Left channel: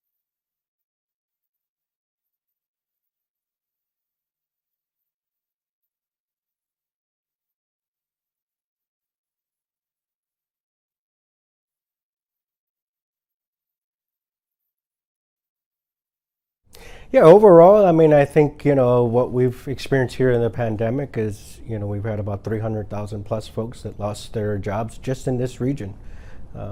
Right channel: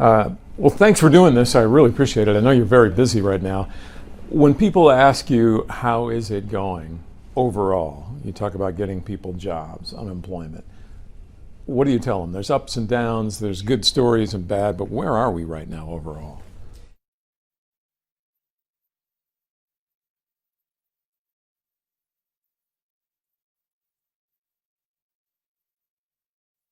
Well, thanks for doing this. I really appreciate it. I know you're very busy right now. When people ask you, how is it going overall? You talk about getting people jobs, unemployment. What do you tell them? There's ups and downs, there's good stories and bad, but where are we right now overall? Yeah, overall, I mean, I think, what we've experienced here in the pandemic is, we've had about 300,000 plus folks that lost their jobs just in this region.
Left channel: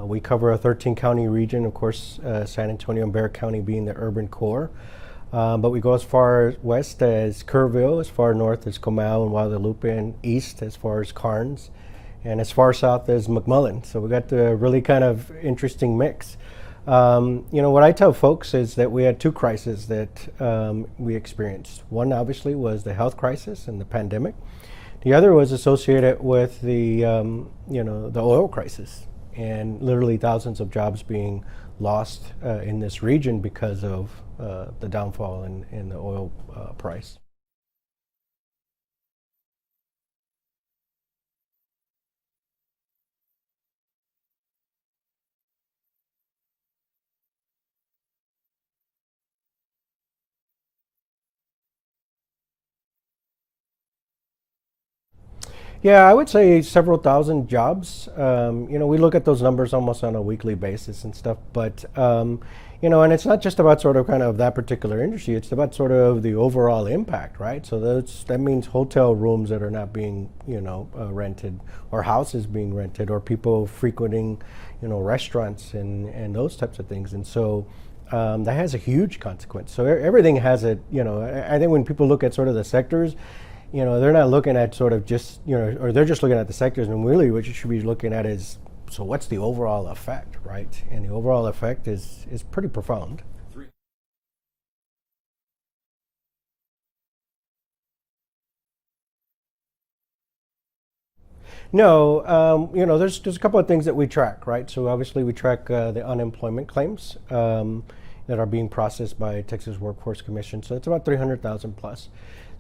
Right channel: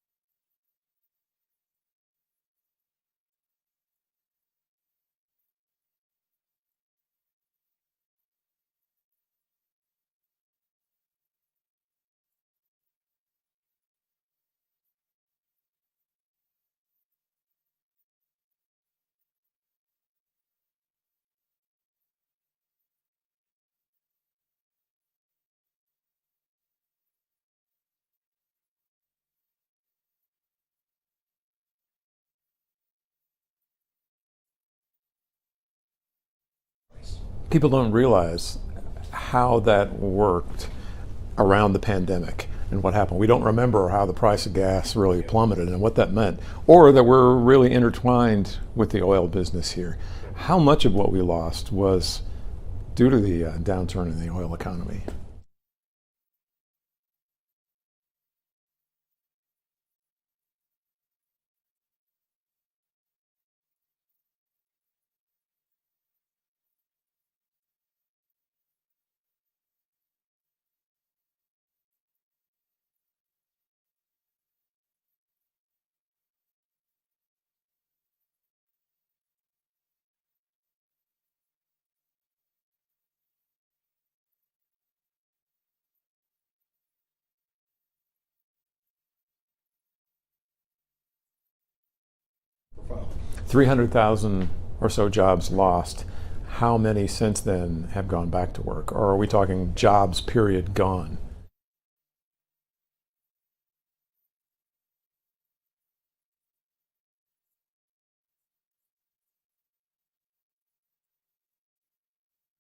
We cover a 13-county region, of course, San Antonio and Bexar County being the urban core. But we go as far west as Kerrville, as far north as Comal and Guadalupe, and east as far as Carnes, and as far south as McMullen. So we got the really kind of interesting mix. What I tell folks is that we had two crises that we experienced. One obviously was the health crisis and the pandemic. The other was associated with the oil crisis, and literally thousands of jobs being lost in this region because of the downfall in the oil price. People don't realize how that worked around the pandemic and what happened. We don't remember how the price of gas really plummeted and what that meant, or that we're really intertwined with the oil business here. How much of what we lost was due to the downturn in the oil economy? Yeah, I would say several thousand jobs. We look at those numbers almost on a weekly basis and stuff, but and it's not just about sort of kind of that particular industry, it's about sort of the overall impact, right? So that means hotel rooms that are not being, rented, or houses being rented, or people frequenting, restaurants and those types of things. And so that has a huge consequence. So everything has a, I think when people look at sort of the sectors, they're not looking at sort of just, or they're just looking at the sectors, and really what you should be looking at is, so what's the overall effect, right? And the overall effect is pretty profound. 300,000 or so jobs lost. How many since then have gone back to work? Or are we talking jobs, period, gone? No, there's a couple of things that we track, right? So obviously we track the unemployment claims that are being processed by Texas Workforce Commission. So it's about 300,000 plus.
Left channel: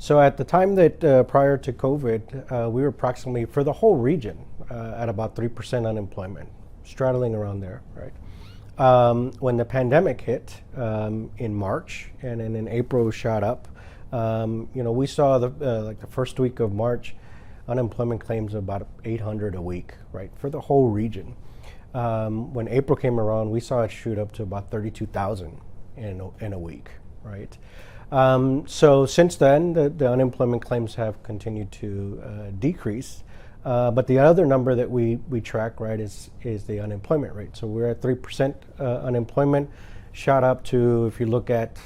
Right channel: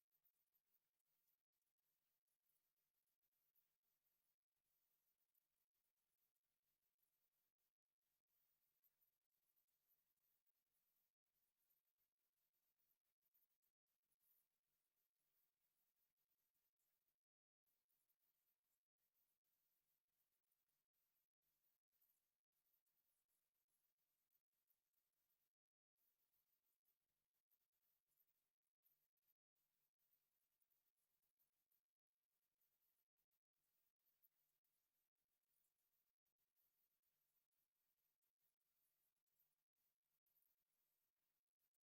So at the time that prior to COVID, we were approximately, for the whole region, at about 3% unemployment, straddling around there, right? When the pandemic hit in March, and then in April shot up, we saw the first week of March, unemployment claims of about 800 a week, right, for the whole region. When April came around, we saw it shoot up to about 32,000 in a week, right? So since then, the unemployment claims have continued to decrease. But the other number that we track, right, is the unemployment rate. So we're at 3% unemployment, shot up to, if you look at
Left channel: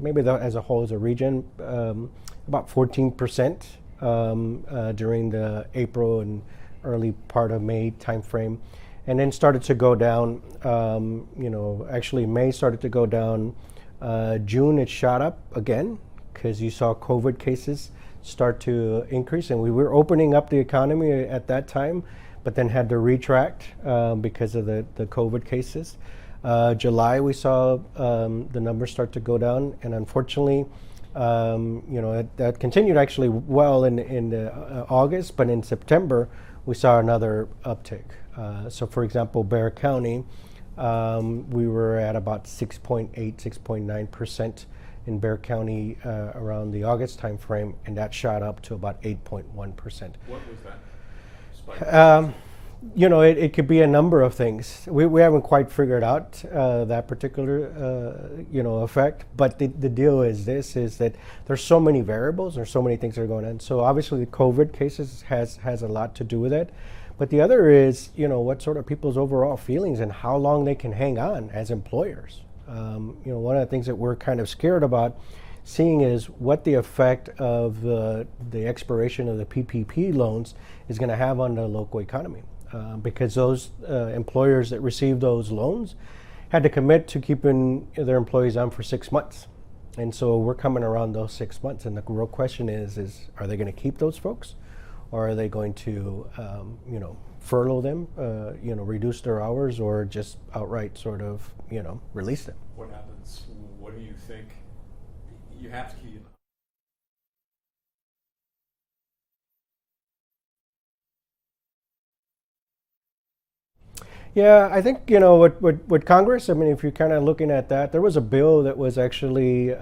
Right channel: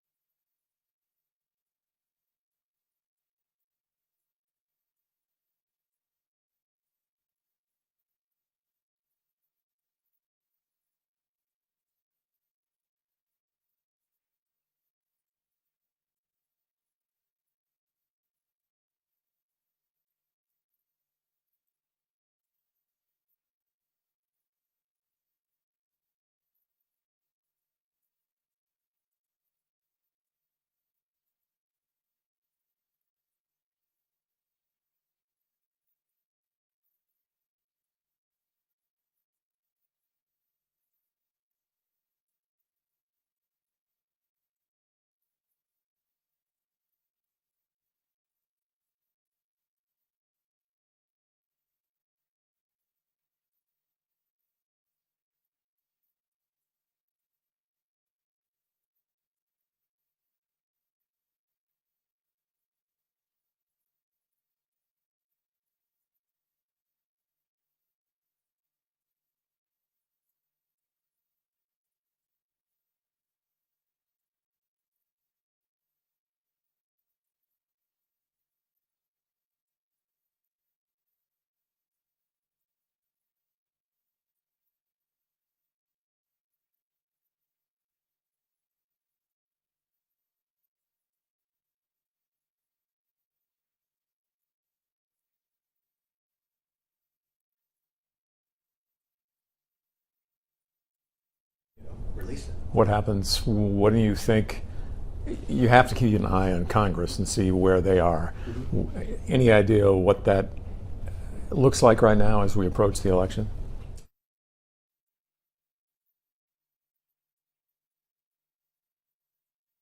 maybe as a whole as a region, about 14% during the April and early part of May timeframe. And then started to go down, actually May started to go down. June it shot up again because you saw COVID cases start to increase, and we were opening up the economy at that time, but then had to retract because of the COVID cases. July we saw the numbers start to go down, and unfortunately, that continued actually well in August, but in September we saw another uptick. So for example, Bexar County, we were at about 6.8, 6.9% in Bexar County around the August timeframe, and that shot up to about 8.1%. What was that spike? It could be a number of things. We haven't quite figured out that particular effect, but the deal is that there's so many variables, there's so many things that are going on. So obviously the COVID cases has a lot to do with it. But the other is, what sort of people's overall feelings and how long they can hang on as employers. One of the things that we're kind of scared about seeing is what the effect of the expiration of the PPP loans is going to have on the local economy. Because those employers that received those loans had to commit to keeping their employees on for 6 months. And so we're coming around those 6 months. And the real question is are they going to keep those folks? Or are they going to, furlough them, reduce their hours, or just outright sort of, release them? What happens? What do you think? You have to keep an eye on Congress and see where they are. Mm-hmm. Any idea what that looks like right now as we approach the election? Yeah, I think, with Congress, I mean, if you're kind of looking at that, there was a bill that was actually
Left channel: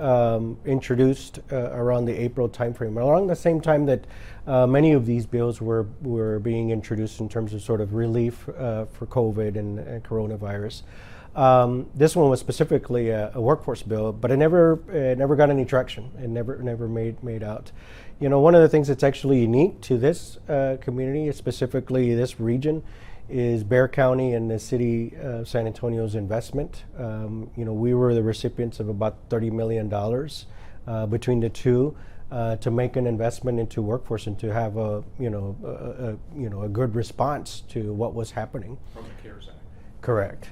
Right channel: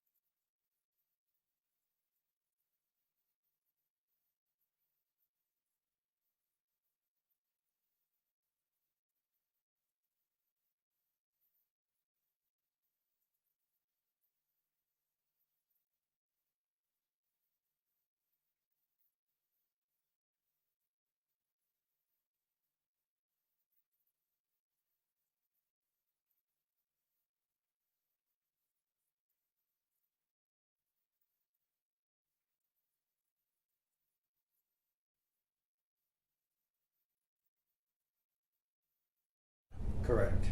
introduced around the April timeframe, around the same time that many of these bills were being introduced in terms of sort of relief for COVID and coronavirus. This one was specifically a workforce bill, but it never got any traction. It never made out. One of the things that's actually unique to this community, specifically this region, is Bexar County and the city of San Antonio's investment. We were the recipients of about $30 million between the two to make an investment into workforce and to have a good response to what was happening. From the CARES Act. Correct.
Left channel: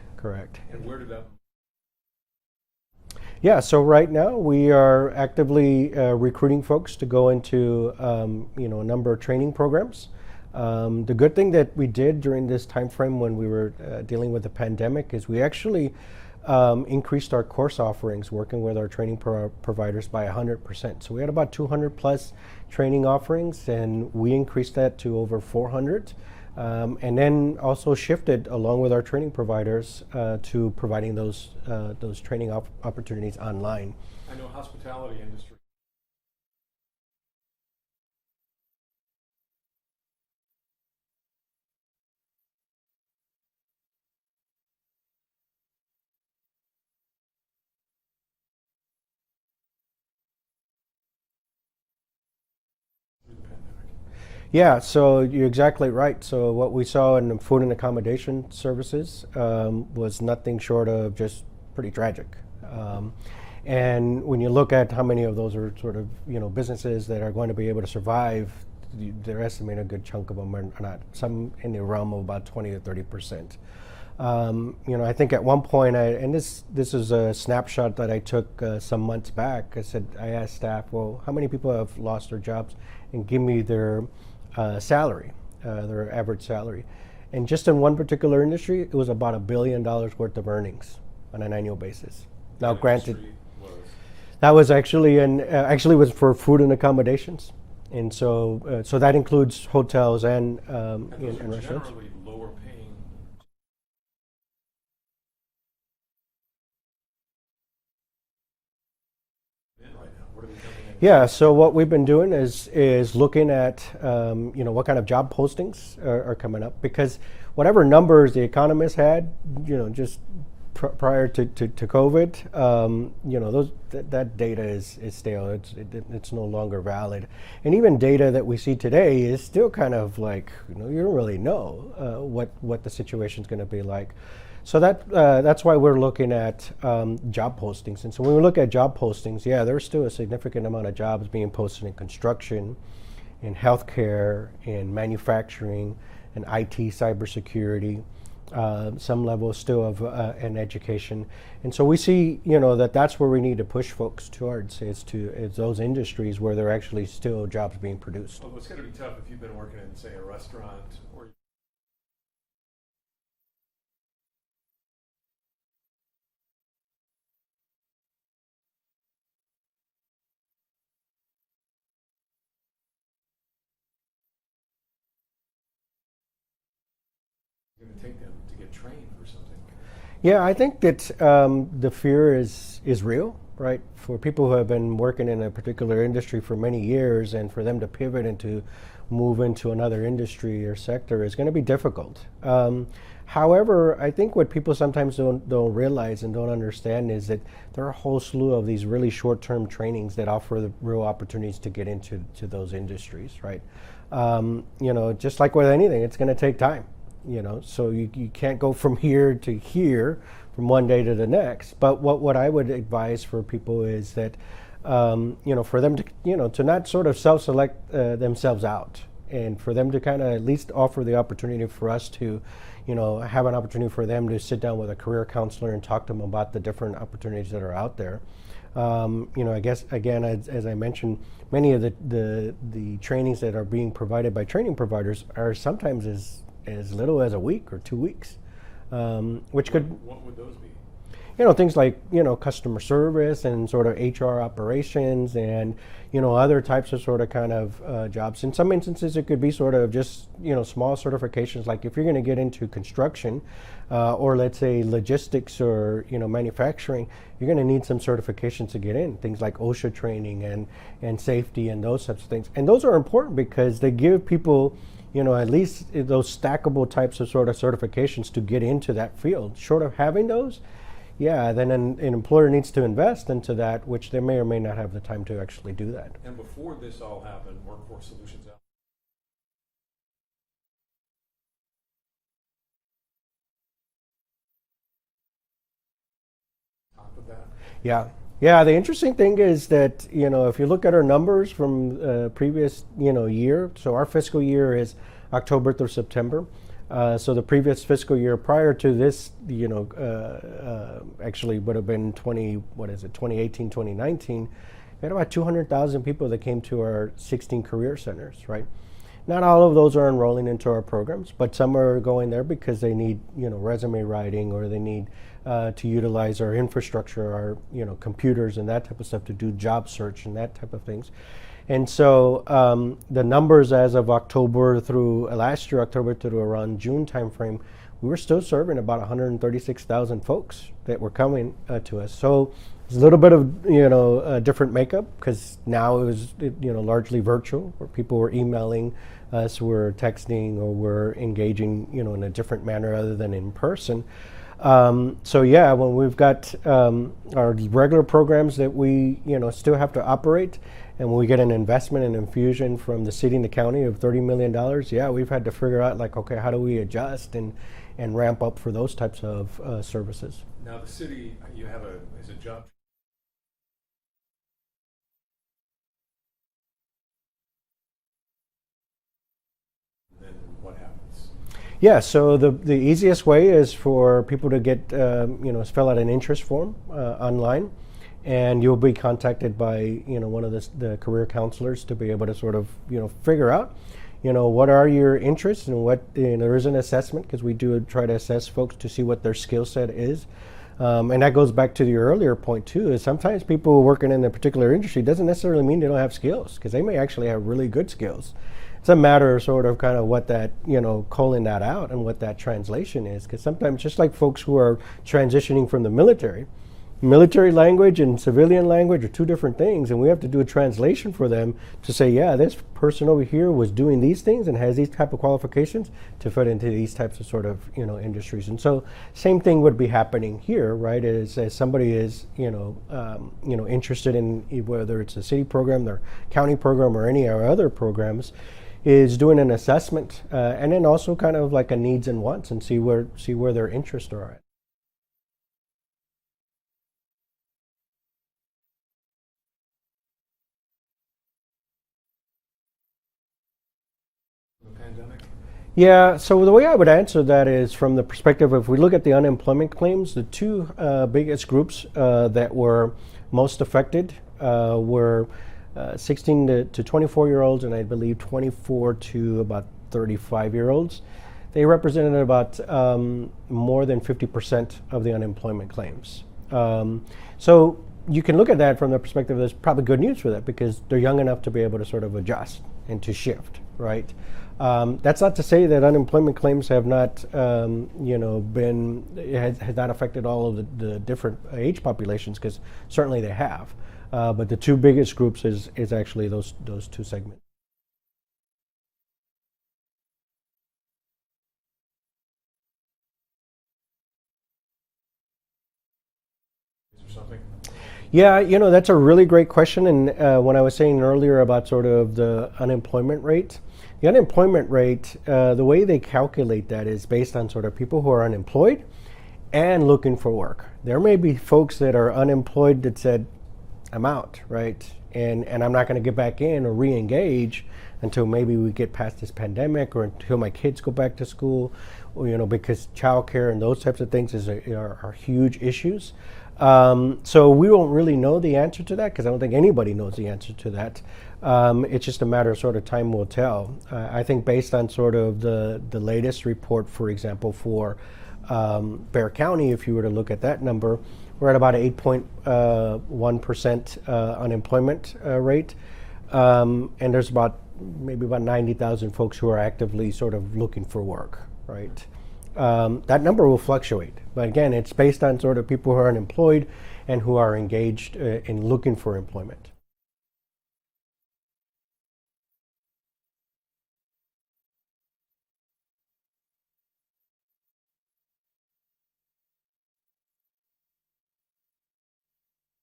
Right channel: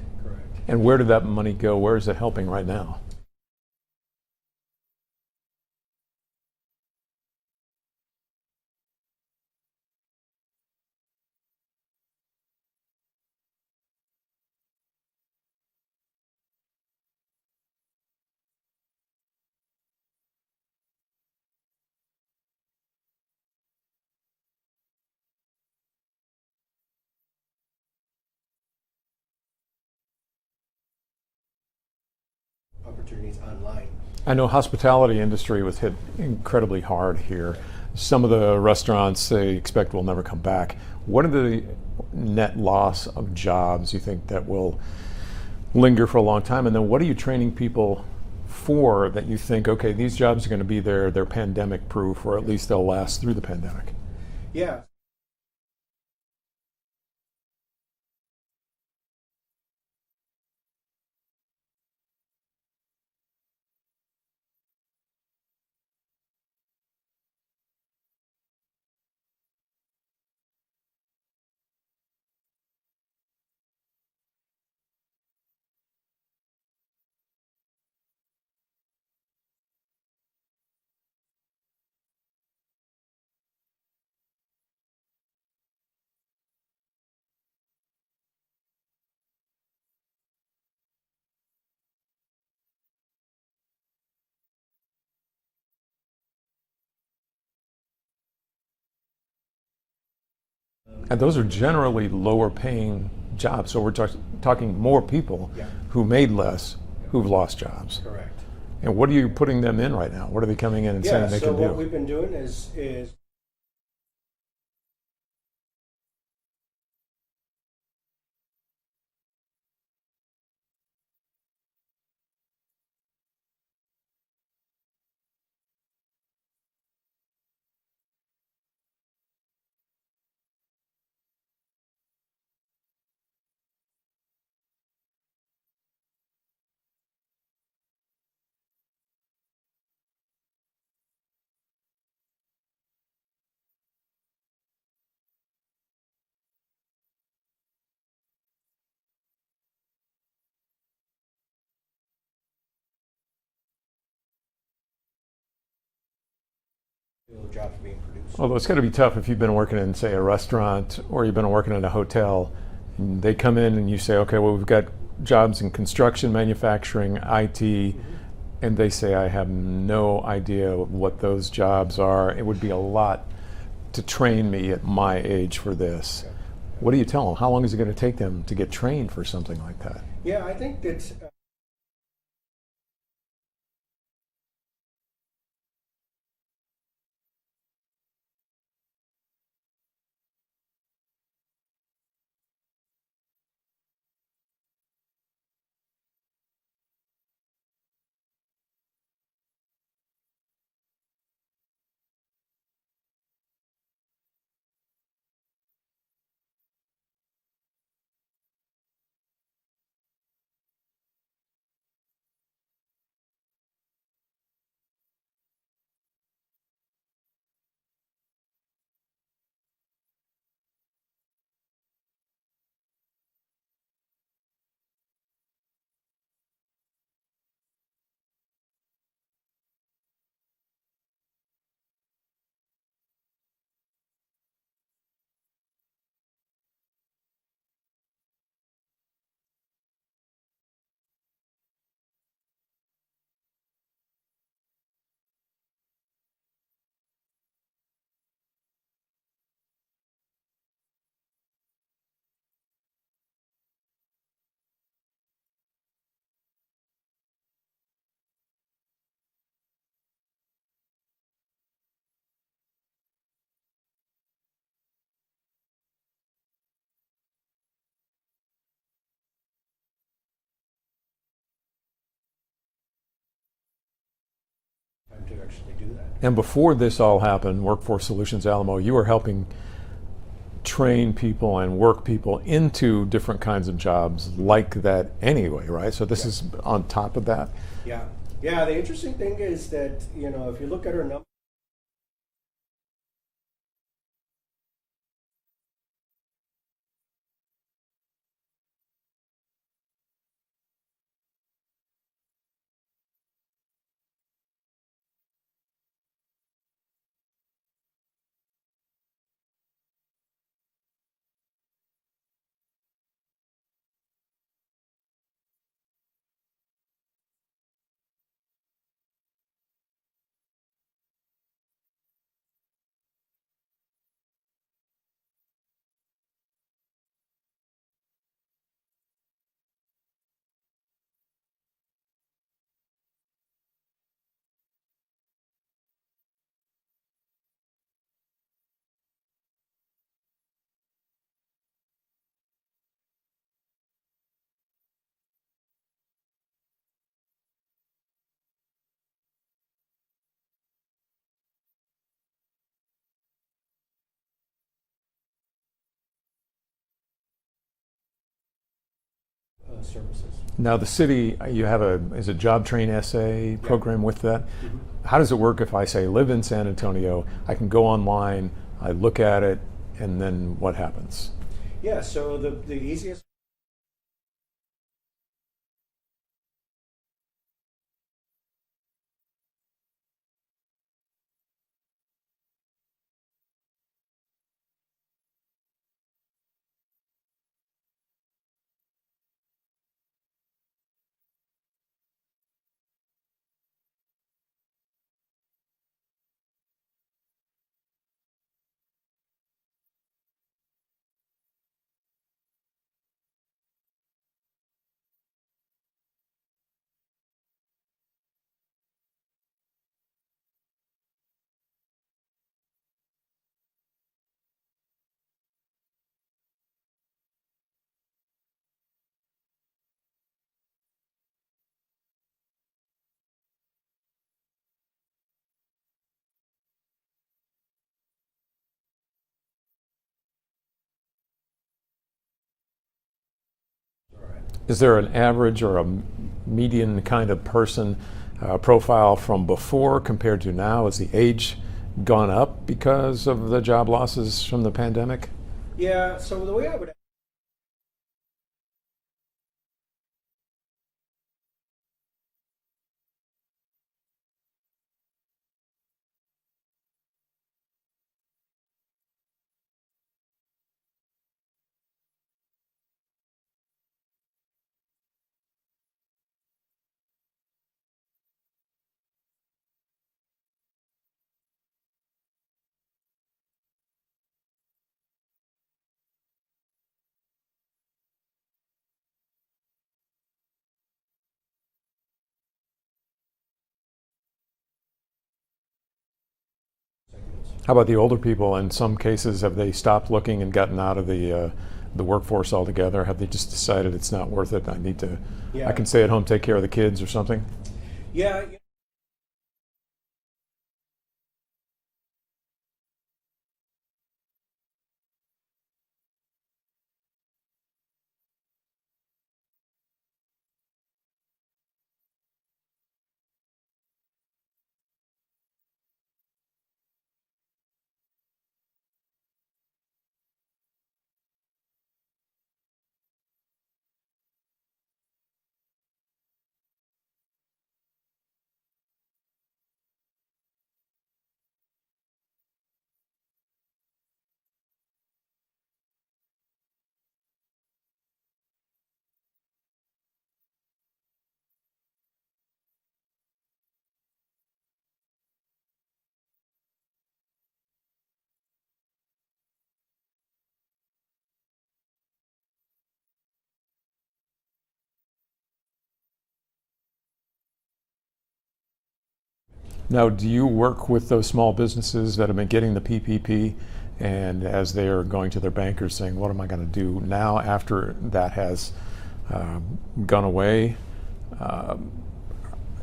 And where did that money go? Where is it helping right now? Yeah, so right now we are actively recruiting folks to go into a number of training programs. The good thing that we did during this time frame when we were dealing with the pandemic is we actually increased our course offerings working with our training providers by 100%. So we had about 200 plus training offerings, and we increased that to over 400. And then also shifted along with our training providers to providing those training opportunities online. I know hospitality industry was hit incredibly hard here. Some of the restaurants they expect will never come back. What are the net loss of jobs you think that will linger for a long time? And then what are you training people for that you think, okay, these jobs are going to be there, they're pandemic proof, or at least they'll last through the pandemic? Yeah, so you're exactly right. So what we saw in the food and accommodation services was nothing short of just pretty tragic. And when you look at how many of those are sort of businesses that are going to be able to survive, they're estimating a good chunk of them are not. Some in the realm of about 20 to 30%. I think at one point, and this is a snapshot that I took some months back. I asked staff, well, how many people have lost their jobs, and give me their salary, their average salary. And just in one particular industry, it was about $1 billion worth of earnings on an annual basis. Now, granted, that was actually was for food and accommodations, and so that includes hotels and those are generally lower paying jobs. So we're talking more people who made less who've lost jobs. Correct. And what are you putting them in right now? What are they coming in and saying? Yeah, they so can what do? we've been doing is looking at what kind of job postings are coming up, because whatever numbers the economists had, just prior to COVID, that data is stale. It's no longer valid, and even data that we see today is still kind of like you don't really know what the situation is going to be like. So that's why we're looking at job postings. And so when we look at job postings, there's still a significant amount of jobs being posted in construction, in healthcare, in manufacturing, in IT, cybersecurity, some level still of in education. And so we see, that's where we need to push folks towards is those industries where there are actually still jobs being produced. Although it's got to be tough if you've been working in, say, a restaurant or you've been working in a hotel. They come in and you say, okay, well, we've got jobs in construction, manufacturing, IT, and they say, I have no idea what those jobs are. It would be a lot to train me at my age for this. Okay. What do you tell them? How long is it going to take them to get trained for something like that? Yeah, I think that the fear is real, right? For people who have been working in a particular industry for many years, and for them to pivot and to move into another industry or sector is going to be difficult. However, I think what people sometimes don't realize and don't understand is that there are a whole slew of these really short-term trainings that offer the real opportunities to get into those industries, right? Just like with anything, it's going to take time. So you can't go from here to here from one day to the next. But what I would advise for people is that for them to to not sort of self-select themselves out, and for them to kind of at least offer the opportunity for us to, have an opportunity for them to sit down with a career counselor and talk to them about the different opportunities that are out there. I guess again, as I mentioned, many of the trainings that are being provided by training providers are sometimes as little as a week or 2 weeks, which could. What would those be? things like, customer service and sort of HR operations and, other types of sort of kind of jobs. In some instances, it could be sort of just, small certifications. Like if you're going to get into construction or let's say logistics or, manufacturing, you're going to need some certifications to get in. Things like OSHA training and safety and those types of things. And those are important because they give people, at least those stackable types of sort of certifications to get into that field. Short of having those, yeah, then an employer needs to invest into that, which they may or may not have the time to actually do that. And before this all happened, Workforce Solutions Alamo, you were helping train people and work people into different kinds of jobs like that anyway, right? So this is on top of that? Yeah. Yeah, the interesting thing is that, if you look at our numbers from previous, year, so our fiscal year is October through September. So the previous fiscal year prior to this, actually would have been 2018, 2019, we had about 200,000 people that came to our 16 career centers, right? Not all of those are enrolling into our programs, but some are going there because they need, resume writing, or they need to utilize our infrastructure, our, computers and that type of stuff to do job search and that type of things. And so the numbers as of October through last year, October to around June timeframe, we were still serving about 136,000 folks that were coming to us. So it's a little bit of a different makeup because now it was largely virtual, where people were emailing us, were texting, or were engaging in a different manner other than in person. So yeah, when we've got our regular programs that we still have to operate, and when we get an investment and infusion from the city and the county of $30 million, yeah, we've had to figure out like, okay, how do we adjust and ramp up for those types of services. Now the city, you have is it Job Train SA program with that? Mm-hmm. How does it work if I say live in San Antonio, I can go online, I look at it, and then what happens? Yeah, so the easiest way is for people to get, fill out an interest form online, and you'll be contacted by, one of the career counselors to be able to sort of, figure out, what are your interests and what, there is an assessment because we do try to assess folks to see what their skill set is. And that goes back to the earlier point too, is sometimes people working in a particular industry doesn't necessarily mean they don't have skills, because they may actually have really good skills. It's a matter of sort of kind of what that, calling that out and what that translation is. Because sometimes, just like folks who are transitioning from the military language and civilian language are two different things, and we have to do a translation for them to say, yeah, this person over here was doing these things and has these type of qualifications to fit into these types of sort of, industries. And so same thing would be happening here, right? As somebody is, interested in whether it's a city program, their county program, or any of our other programs, is doing an assessment and then also kind of like a needs and wants, and see where their interests are at. Is there an average or a median kind of person profile from before compared to now? Has the age gone up because of the job losses from the pandemic? Yeah, so the way I would answer that is from the perspective of, if we look at the unemployment claims, the two biggest groups that were most affected were 16 to 24-year-olds, and I believe 24 to about 35-year-olds. They represented about more than 50% of the unemployment claims. So you can look at that from the perspective, there's probably good news for that, because they're young enough to be able to sort of adjust and to shift, right? That's not to say that unemployment claims have not, has not affected all of the different age populations, because certainly they have. But the two biggest groups is actually those two segments. How about the older people? In some cases, have they stopped looking and gotten out of the workforce altogether? Have they just decided it's not worth it? I can stay at home, take care of the kids or something? Yeah, that's a really great question. And when I was saying earlier about sort of the unemployment rate, the way they calculate that is based on sort of people who are unemployed and looking for work. There may be folks that are unemployed that said, I'm out, right? And I'm not going to get back in or re-engage until maybe we get past this pandemic, or until my kids go back to school, or, because childcare and those types of things are huge issues. So we won't really know the answer to that, because I don't think anybody knows the answer to that. It's just a matter of sort of time will tell. I think based on sort of the latest report, for example, for Bexar County, if you were to look at that number, we're at about an 8.1% unemployment rate. And there's maybe about 90,000 folks who are actively sort of looking for work, right? That number will fluctuate, but again, it's based on sort of people who are unemployed and who are engaged in looking for employment. Now, do you work with those small businesses that have been getting the PPP, and as they are going to their bankers saying, what am I going to do now after that has gone away?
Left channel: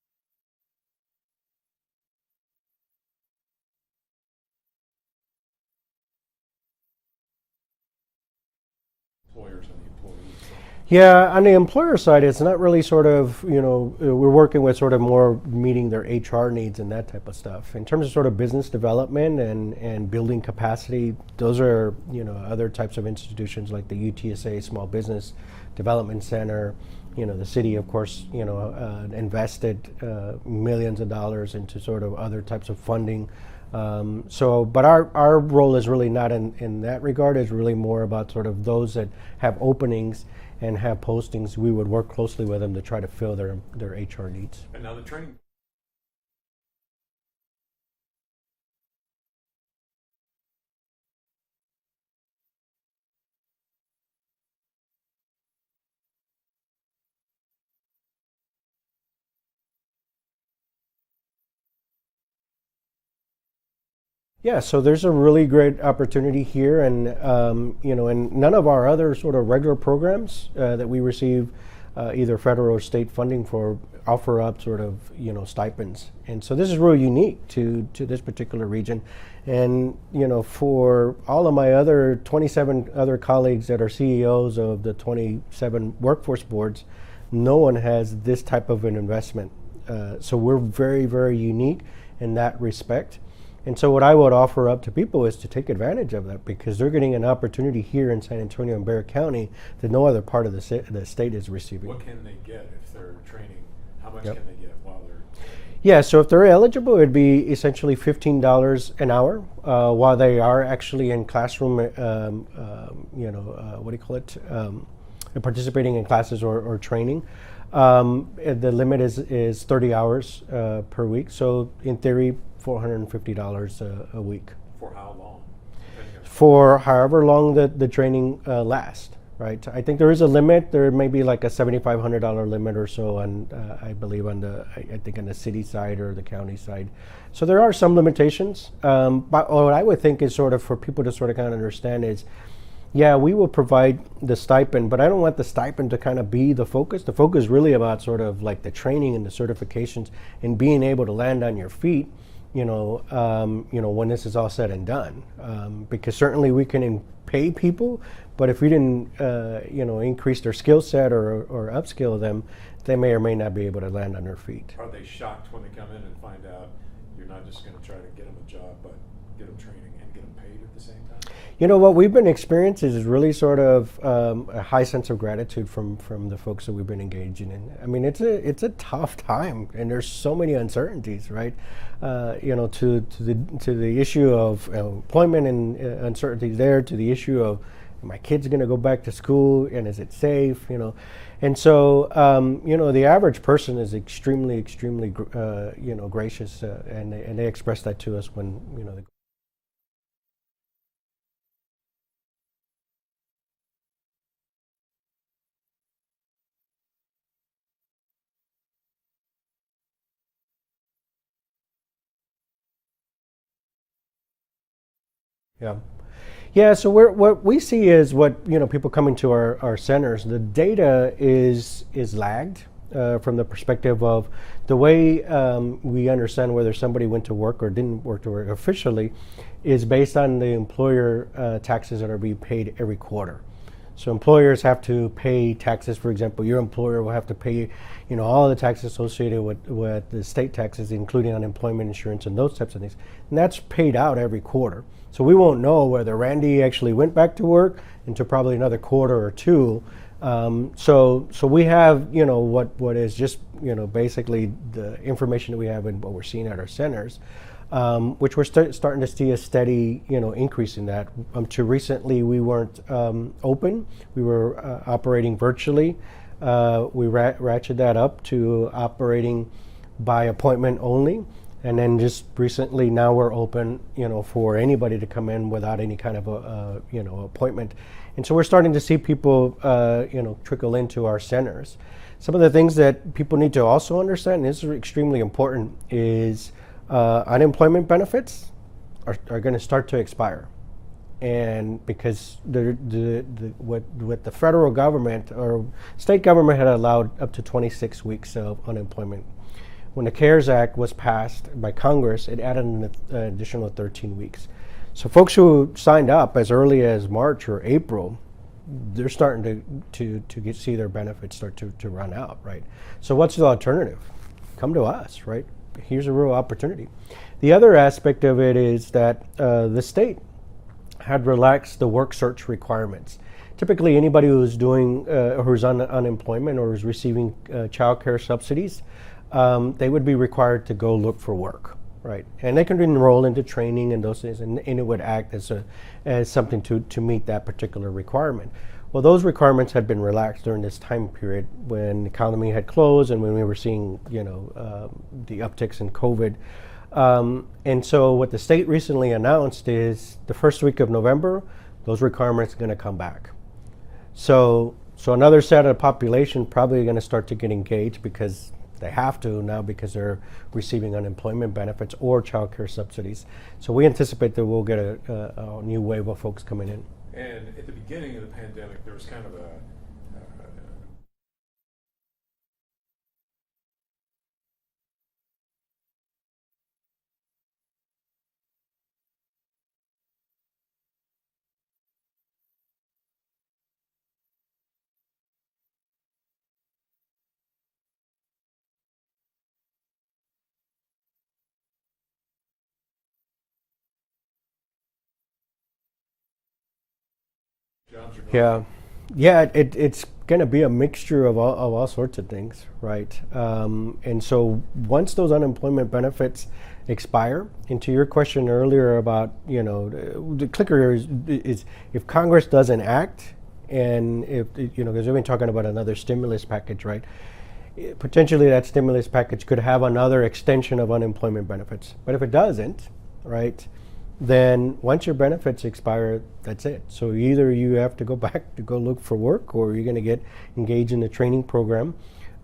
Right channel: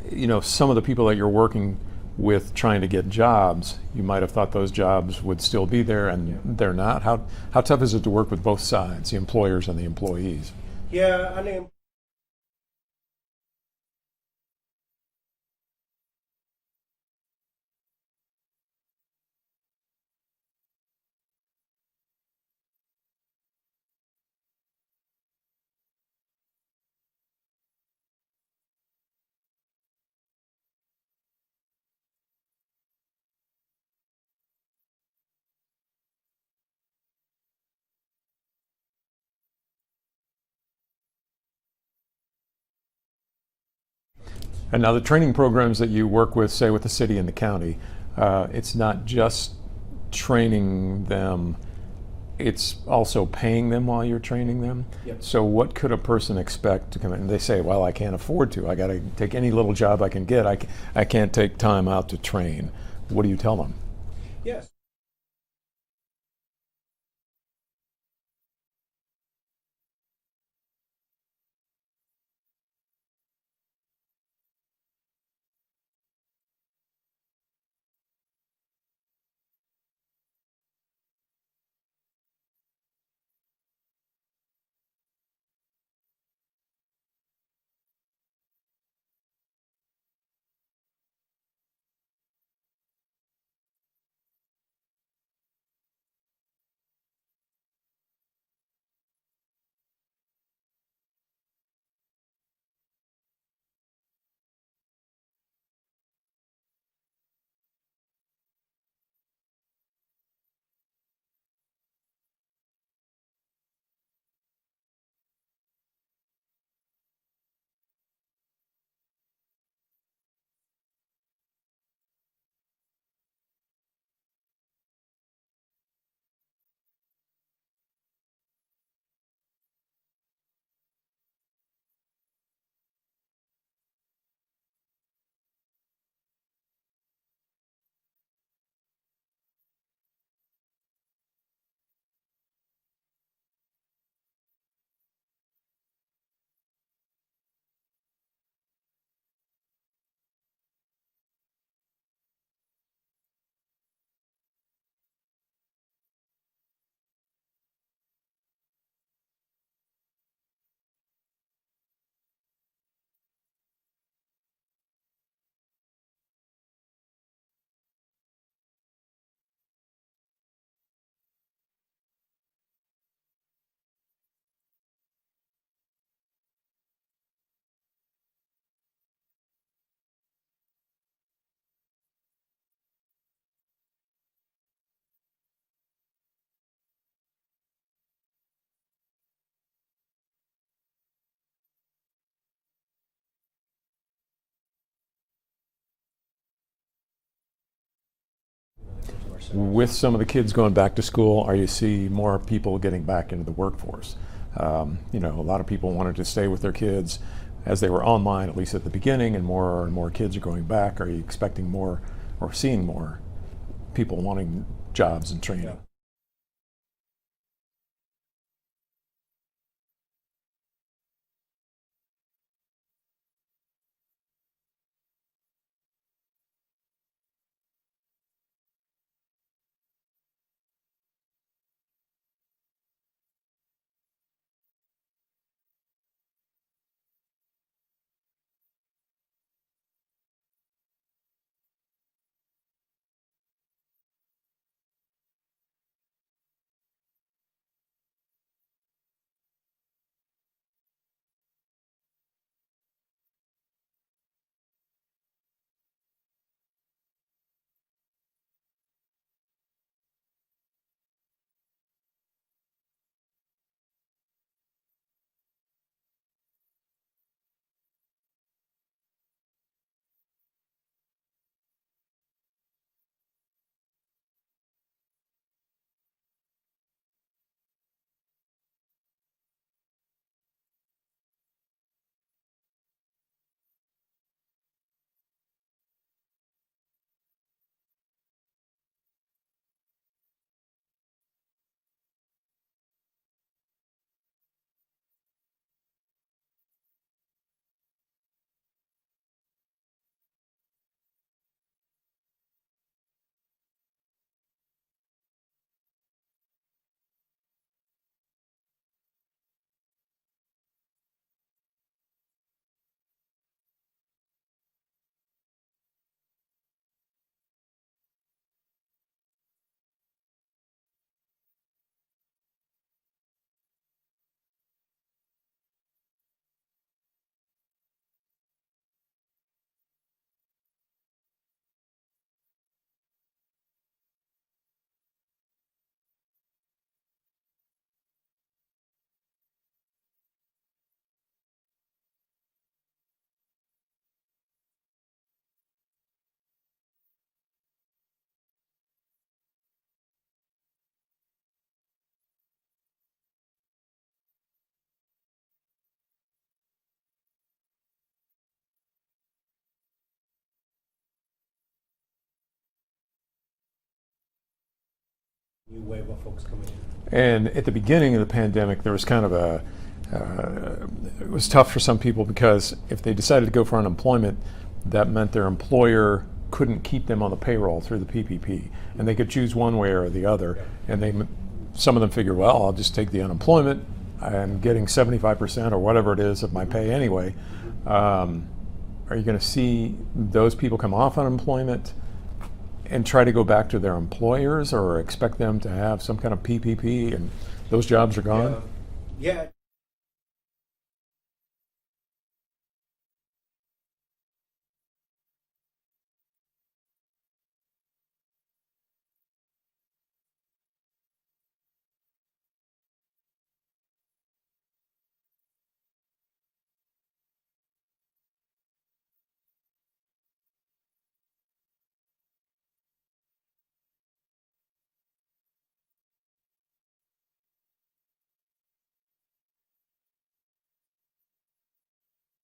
You know, some of the people that you're working with trying to get jobs, you might have thought those jobs would still be there, and they're not. How tough is it to work with both sides, the employers and the employees? Yeah, on the employer side, it's not really sort of, you know, we're working with sort of more meeting their HR needs and that type of stuff. In terms of sort of business development and building capacity, those are, you know, other types of institutions like the UTSA Small Business Development Center. You know, the city, of course, you know, invested millions of dollars into sort of other types of funding. But our role is really not in that regard. It's really more about sort of those that have openings and have postings. We would work closely with them to try to fill their HR needs. And now the training programs that you work with, say with the city and the county, it's not just training them, it's also paying them while you're training them. Yep. So what could a person expect to come in? They say, well, I can't afford to. I got to take any little job I can get. I can't take time out to train. What do you tell them? Yeah, so there's a really great opportunity here, and you know, and none of our other sort of regular programs that we receive either federal or state funding for offer up sort of, you know, stipends. And so this is really unique to this particular region. And, you know, for all of my other 27 other colleagues that are CEOs of the 27 workforce boards, no one has this type of an investment. So we're very, very unique in that respect. And so what I would offer up to people is to take advantage of that, because they're getting an opportunity here in San Antonio and Bexar County that no other part of the state is receiving. What can they get if they're training? How much Yep. can they get while they're Yeah, so if they're eligible, it'd be essentially $15 an hour while they are actually in classroom, you know, what do you call it, participating in classes or training. The limit is 30 hours per week, so in theory, $450 a week. For how long? For however long the training lasts. Right. I think there is a limit. There may be like a $7,500 limit or so on, I believe, on I think on the city side or the county side. So there are some limitations. But what I would think is sort of for people to sort of kind of understand is, yeah, we will provide the stipend, but I don't want the stipend to kind of be the focus. The focus is really about sort of like the training and the certifications and being able to land on your feet, you know, when this is all said and done. Because certainly we can pay people, but if we didn't, you know, increase their skill set or upskill them, they may or may not be able to land on their feet. Are they shocked when they come in and find out you're not just going to try to get them a job, but get them training and get them paid at the same time? You know, what we've been experiencing is really sort of a high sense of gratitude from the folks that we've been engaging in. I mean, it's a tough time, and there's so many uncertainties, right? You know, to the issue of employment and uncertainties there, to the issue of my kid's going to go back to school and is it safe, you know? And so, you know, the average person is extremely, you know, gracious, and they express that to us when, you know, they go to our centers. With some of the kids going back to school, are you see more people getting back into the workforce? You know, a lot of people wanted to stay with their kids as they were online, at least at the beginning, and more kids are going back. Are you expecting more or seeing more people wanting jobs and training? Yeah. Yeah, so what we see is what, you know, people coming to our centers, the data is lagged from the perspective of the way we understand whether somebody went to work or didn't work to work officially is based on the employer taxes that are being paid every quarter. So employers have to pay taxes. For example, your employer will have to pay, you know, all the taxes associated with the state taxes, including unemployment insurance and those types of things. And that's paid out every quarter. So we won't know whether Randy actually went back to work until probably another quarter or two. So we have, you know, what is just, you know, basically the information that we have and what we're seeing at our centers, which we're starting to see a steady, you know, increase in that. To recently, we weren't open. We were operating virtually. we ratcheted that up to operating by appointment only. And then just recently, now we're open, for anybody to come in without any kind of appointment. And so we're starting to see people, trickle into our centers. Some of the things that people need to also understand, and this is extremely important, is unemployment benefits are going to start to expire. And because what the federal government or state government had allowed up to 26 weeks of unemployment. When the CARES Act was passed by Congress, it added an additional 13 weeks. So folks who signed up as early as March or April, they're starting to see their benefits start to run out, right? So what's the alternative? Come to us, right? Here's a real opportunity. The other aspect of it is that the state had relaxed the work search requirements. Typically, anybody who's who's on unemployment or is receiving child care subsidies, they would be required to go look for work, right? And they can enroll into training and those things, and it would act as something to meet that particular requirement. Well, those requirements had been relaxed during this time period when the economy had closed and when we were seeing, the upticks in COVID. And so what the state recently announced is the first week of November, those requirements are going to come back. So another set of the population probably going to start to get engaged because they have to now because they're receiving unemployment benefits or child care subsidies. So we anticipate that we'll get a new wave of folks coming in. And at the beginning of the pandemic, there was kind of it was tough for some people because if they decided to go for unemployment, that meant their employer couldn't keep them on the payroll through the PPP. And they could choose one way or the other. And some of them figured, well, I'll just take the unemployment. I'm getting 75% or whatever it is of my pay anyway. Are you going to see those people come off unemployment and try to go back to their employers, or expect them to have some kind of PPP and those jobs are gone? Yeah, it's going to be a mixture of all sorts of things, right? And so once those unemployment benefits expire, and to your question earlier about, the clicker is if Congress doesn't act, and if, because we've been talking about another stimulus package, right? Potentially that stimulus package could have another extension of unemployment benefits. But if it doesn't, right, then once your benefits expire, that's it. So either you have to go back to go look for work, or you're going to get engaged in a training program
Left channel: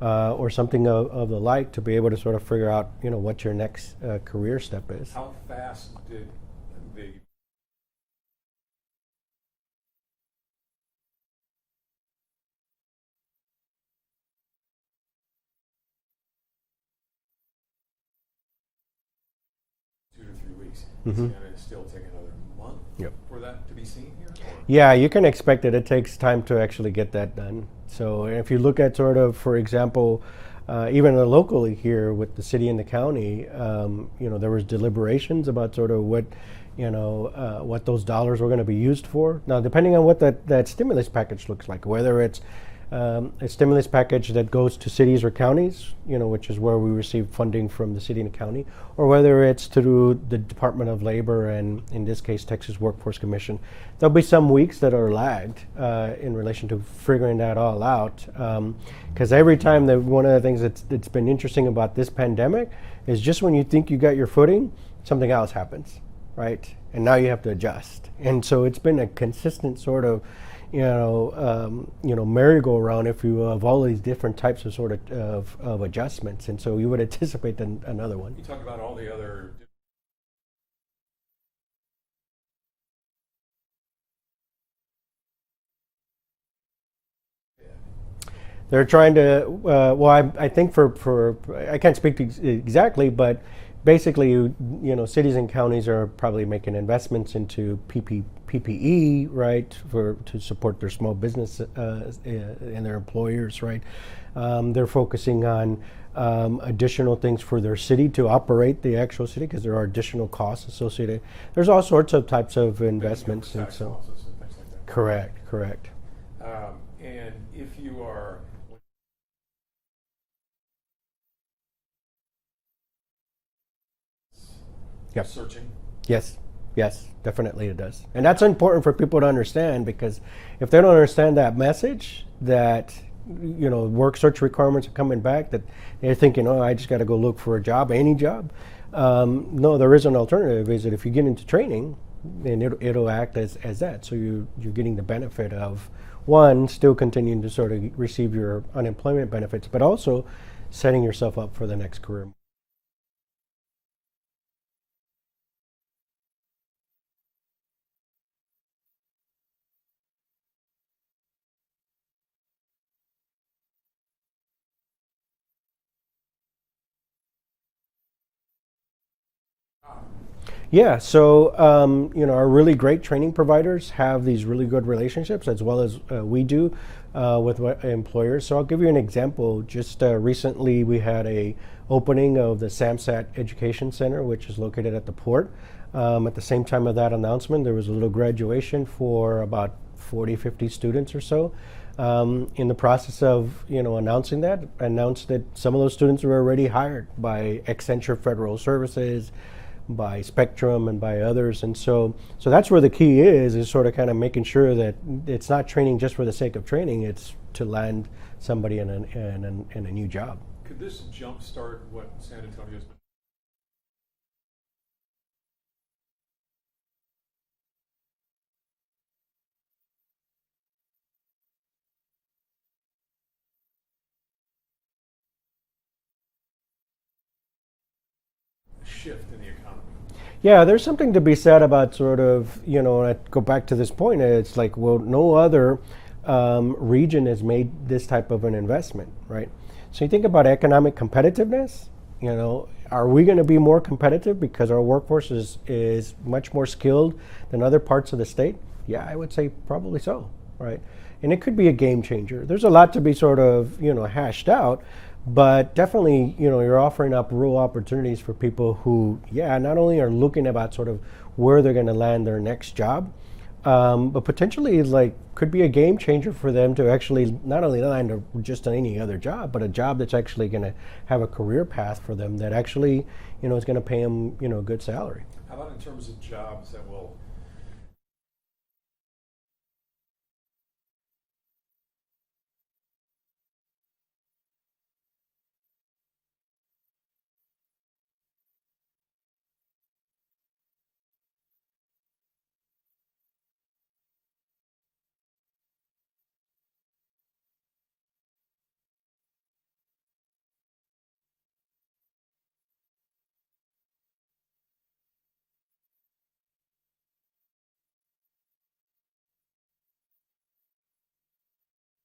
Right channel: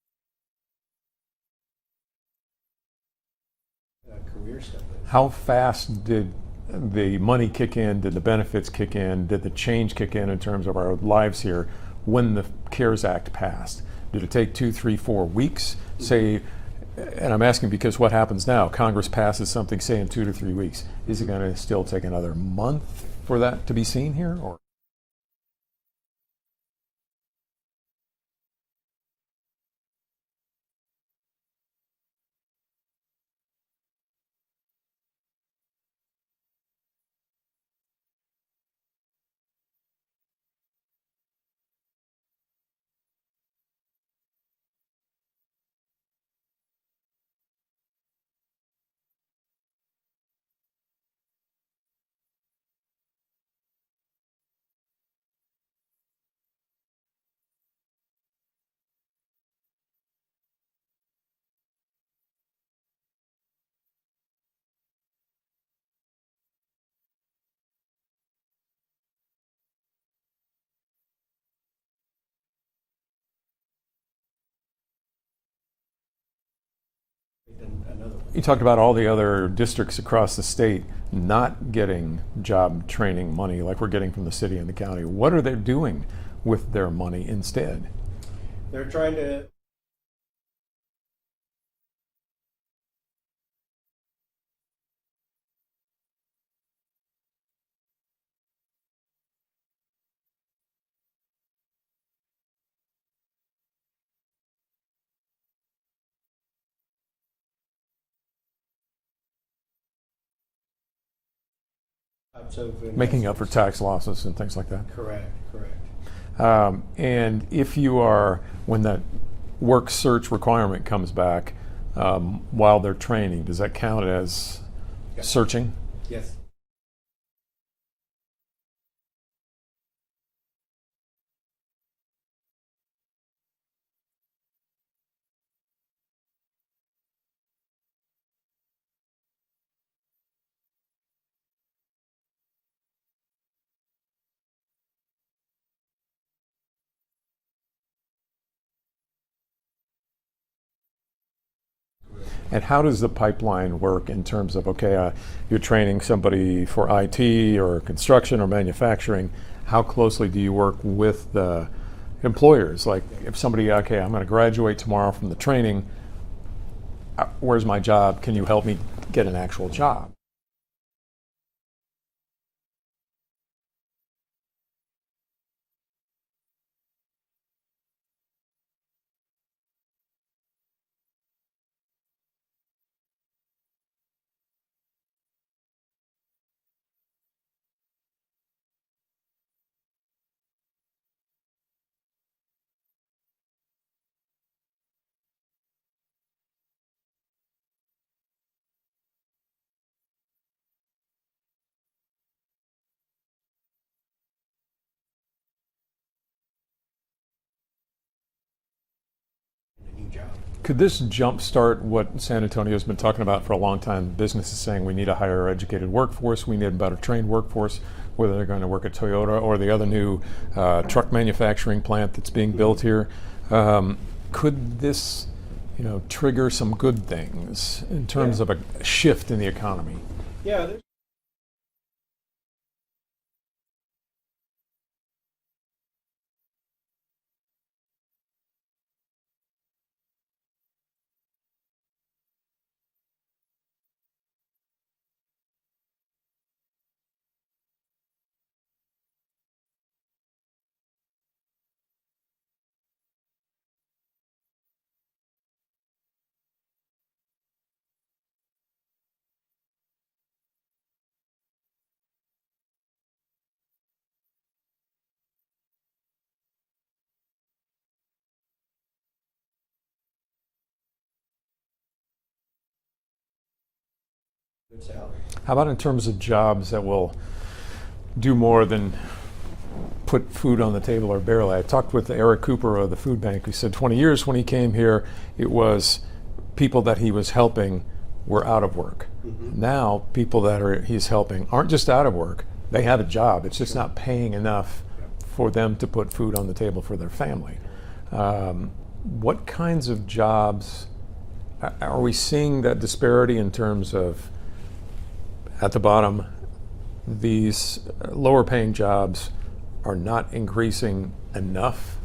or something of the like to be able to sort of figure out, what your next career step is. How fast did the money kick in? Did the benefits kick in? Did the change kick in terms of our lives here when the CARES Act passed? Did it take 2, 3, 4 weeks? Say, and I'm asking because what happens now? Congress passes something, say, in 2 to 3 weeks. Is it going to still take another month for that to be seen here? Or? Yeah, you can expect it. It takes time to actually get that done. So if you look at sort of, for example, even locally here with the city and the county, there was deliberations about sort of what those dollars were going to be used for. Now, depending on what that stimulus package looks like, whether it's a stimulus package that goes to cities or counties, which is where we receive funding from the city and the county, or whether it's through the Department of Labor and, in this case, Texas Workforce Commission. There'll be some weeks that are lagged in relation to figuring that all out. Because every time one of the things that's been interesting about this pandemic is just when you think you got your footing, something else happens, right? And now you have to adjust. And so it's been a consistent sort of merry-go-round, if you will, of all these different types of sort of adjustments, and so you would anticipate another one. You talked about all the other districts across the state not getting job training money like we're getting from the city and the county. What are they doing with their money instead? They're trying to. I think for I can't speak to exactly, but basically, cities and counties are probably making investments into PPE, right, to support their small business and their employers, right. They're focusing on additional things for their city to operate the actual city because there are additional costs associated. There's all sorts of types of investments. Making up for tax losses and things like that. Correct. And if you are, when that work search requirement comes back, while they're training, does that count as searching? Yes, definitely it does. And that's important for people to understand, because if they don't understand that message, that work search requirements are coming back, that they're thinking, oh, I just got to go look for a job, any job. No, there is an alternative. Is that if you get into training, and it'll act as that. So you're getting the benefit of, one, still continuing to sort of receive your unemployment benefits, but also setting yourself up for the next career. And how does the pipeline work in terms of, okay, you're training somebody for IT or construction or manufacturing, how closely do you work with the employers? Like if somebody, okay, I'm going to graduate tomorrow from the training, where's my job? Can you help me get an actual job? Yeah, so our really great training providers have these really good relationships, as well as we do with employers. So I'll give you an example. Just recently, we had a opening of the SAMSAT Education Center, which is located at the port. At the same time of that announcement, there was a little graduation for about 40, 50 students or so. In the process of announcing that, announced that some of those students were already hired by Accenture Federal Services, by Spectrum, and by others. And so that's where the key is sort of kind of making sure that it's not training just for the sake of training, it's to land somebody in a new job. Could this jumpstart what San Antonio's been talking about for a long time? Business is saying we need a higher educated workforce, we need a better trained workforce, whether they're going to work at Toyota or the other new truck manufacturing plant that's being built here. Could this trigger some good things in terms of a shift in the economy? Yeah, there's something to be said about sort of, I go back to this point, it's like, well, no other region has made this type of an investment, right? So you think about economic competitiveness, are we going to be more competitive because our workforce is much more skilled than other parts of the state? Yeah, I would say probably so, right? And it could be a game changer. There's a lot to be sort of, hashed out. But definitely, you're offering up real opportunities for people who, not only are looking about sort of where they're going to land their next job, but potentially could be a game changer for them to actually not only land just any other job, but a job that's actually going to have a career path for them that actually, is going to pay them, a good salary. How about in terms of jobs that will do more than put food on the table or barely? I talked with Eric Cooper of the food bank, who said 20 years when he came here, it was people that he was helping were out of work. Mm-hmm. Now people that he's helping aren't just out of work, they have a job. It's just not paying enough for them to put food on the table for their family. What kinds of jobs are we seeing that disparity in terms of, at the bottom, these lower paying jobs are not increasing enough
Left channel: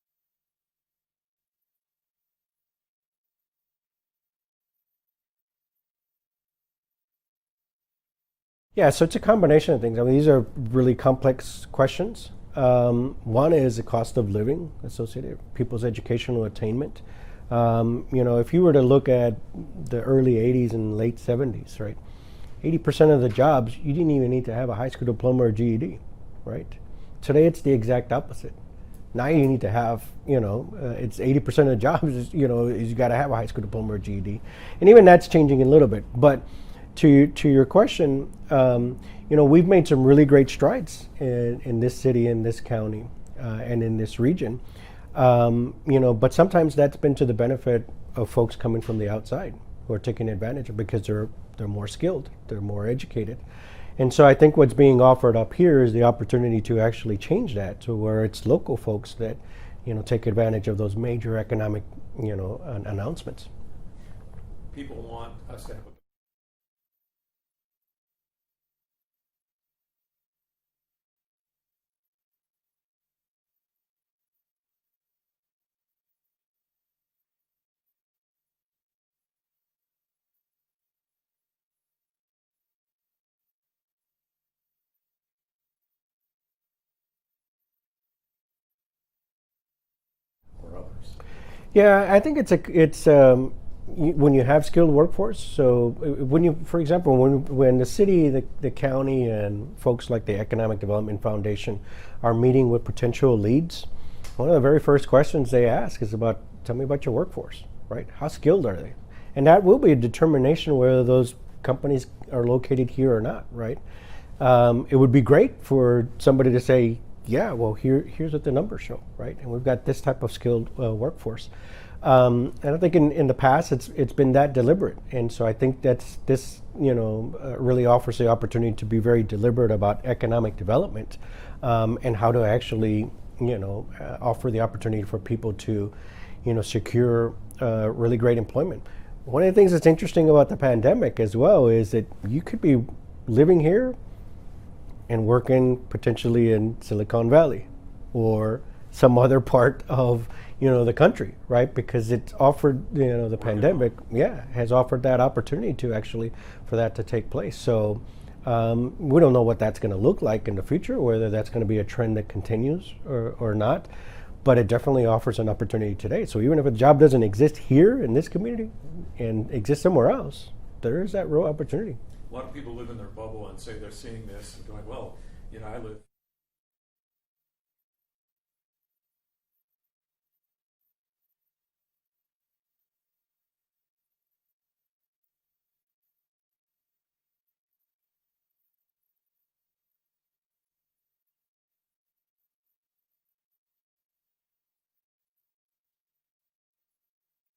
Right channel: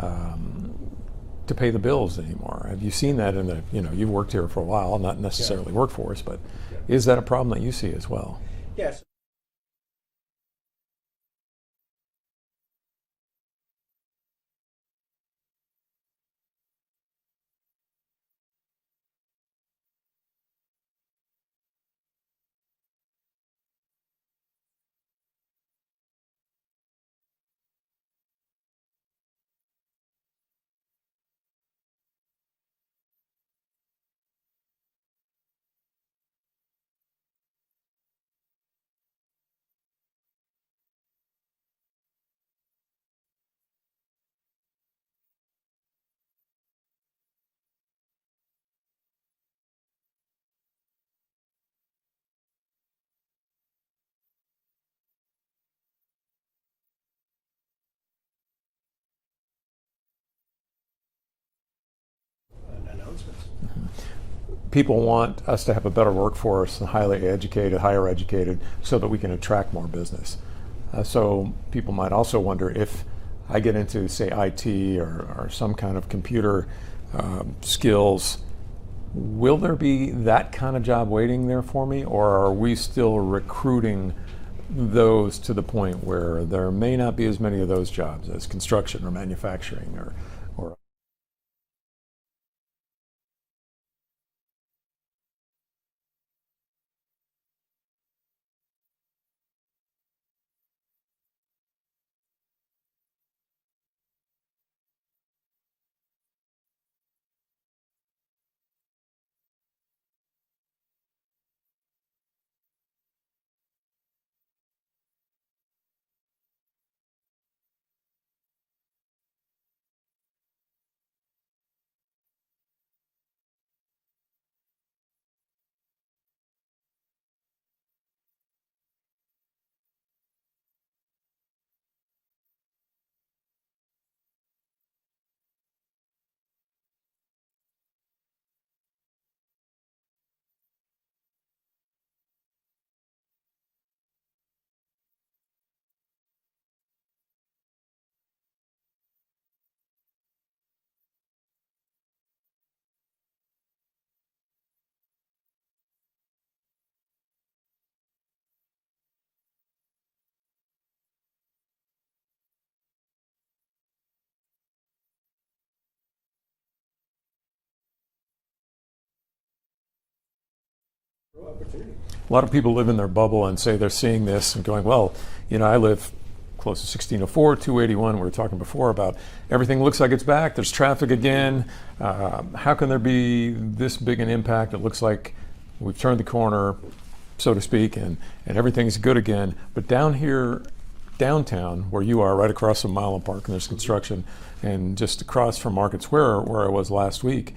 to pay the bills anymore? Have you seen that in the, you've worked here for a while, not necessarily workforce, but is that a problem that you see as well? Yeah, so it's a combination of things. I mean, these are really complex questions. One is the cost of living associated, people's educational attainment. If you were to look at the early 80s and late 70s, right, 80% of the jobs, you didn't even need to have a high school diploma or GED, right? Today, it's the exact opposite. Now you need to have, it's 80% of the jobs is you got to have a high school diploma or GED. And even that's changing a little bit. But to your question, we've made some really great strides in this city, in this county, and in this region. But sometimes that's been to the benefit of folks coming from the outside who are taking advantage of, because they're more skilled, they're more educated. And so I think what's being offered up here is the opportunity to actually change that to where it's local folks that, take advantage of those major economic, announcements. Mm-hmm. People want us to have a better workforce and highly educated, higher educated, so that we can attract more business. So people might also wonder, if I get into, say, IT or some kind of computer skills, will there be that kind of job waiting there for me, or are we still recruiting those to the point where there may not be as many of those jobs as construction or manufacturing or others? Yeah, I think it's when you have skilled workforce. So when you, for example, when the city, the county, and folks like the Economic Development Foundation are meeting with potential leads, one of the very first questions they ask is about, tell me about your workforce, right? How skilled are they? And that will be a determination whether those companies are located here or not, right? It would be great for somebody to say, yeah, well, here's what the numbers show, right? And we've got this type of skilled workforce. And I think in the past it's been that deliberate, and so I think that's this really offers the opportunity to be very deliberate about economic development, and how to actually offer the opportunity for people to secure really great employment. One of the things that's interesting about the pandemic as well is that you could be living here and working potentially in Silicon Valley or some other part of the country, right? Because it's offered, the pandemic, has offered that opportunity to actually for that to take place. So we don't know what that's going to look like in the future, whether that's going to be a trend that continues or not. But it definitely offers an opportunity today. So even if a job doesn't exist here in this community and exists somewhere else, there is that real opportunity. A lot of people live in their bubble and say they're seeing this and going, well, I live close to 1604, 281. We were talking before about everything looks like it's back. There's traffic again. How can there be this big an impact? It looks like we've turned the corner, so to speak, and everything's good again. But down here, downtown, where you are, right across from Milam Park, and there's construction, and just across from Market Square, where I was last week,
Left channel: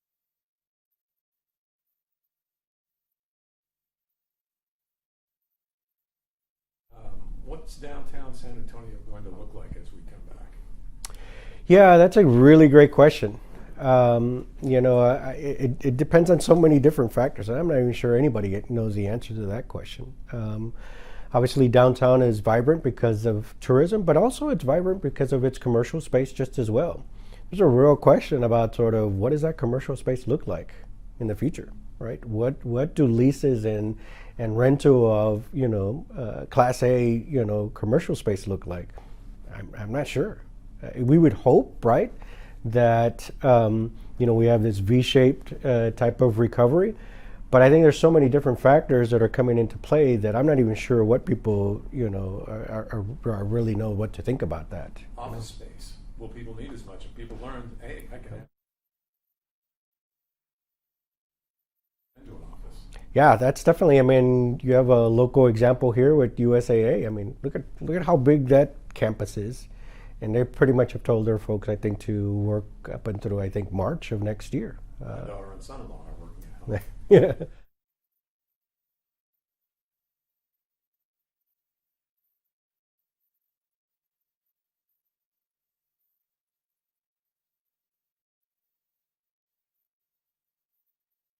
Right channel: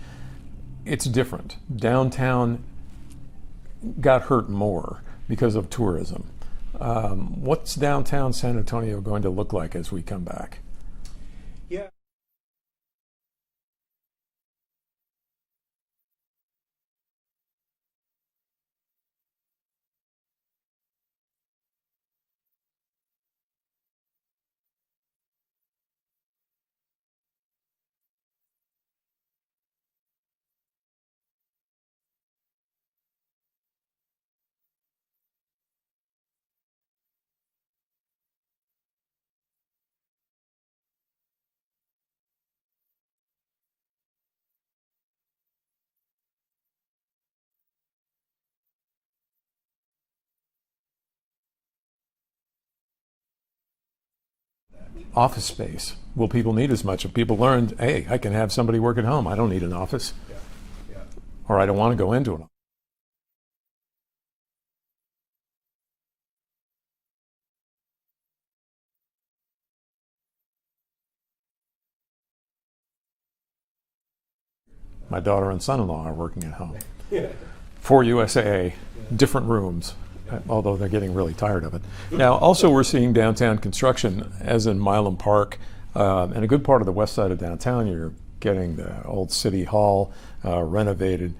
it's different. Downtown got hurt more because of tourism. What's downtown San Antonio going to look like as we come back? Yeah, that's a really great question. It depends on so many different factors. I'm not even sure anybody knows the answer to that question. Obviously, downtown is vibrant because of tourism, but also it's vibrant because of its commercial space just as well. There's a real question about sort of what does that commercial space look like in the future, right? What do leases and rental of Class A commercial space look like? I'm not sure. We would hope, right, that we have this V-shaped type of recovery, but I think there's so many different factors that are coming into play that I'm not even sure what people are really know what to think about that. Office space. Will people need as much? Have people learned, hey, I can have somebody work at home. I don't need an office. Yeah. Or I don't want to go into an office. Yeah, that's definitely, you have a local example here with USAA. Look at how big that campus is. And they pretty much have told their folks, I think, to work up until, March of next year. My daughter and son-in-law are working at home. Yeah. For USAA, different rooms, although they're getting really tired of it. Now, also we're seeing downtown construction, as in Milam Park, and a good part of the west side of downtown, you're getting the old city hall renovated.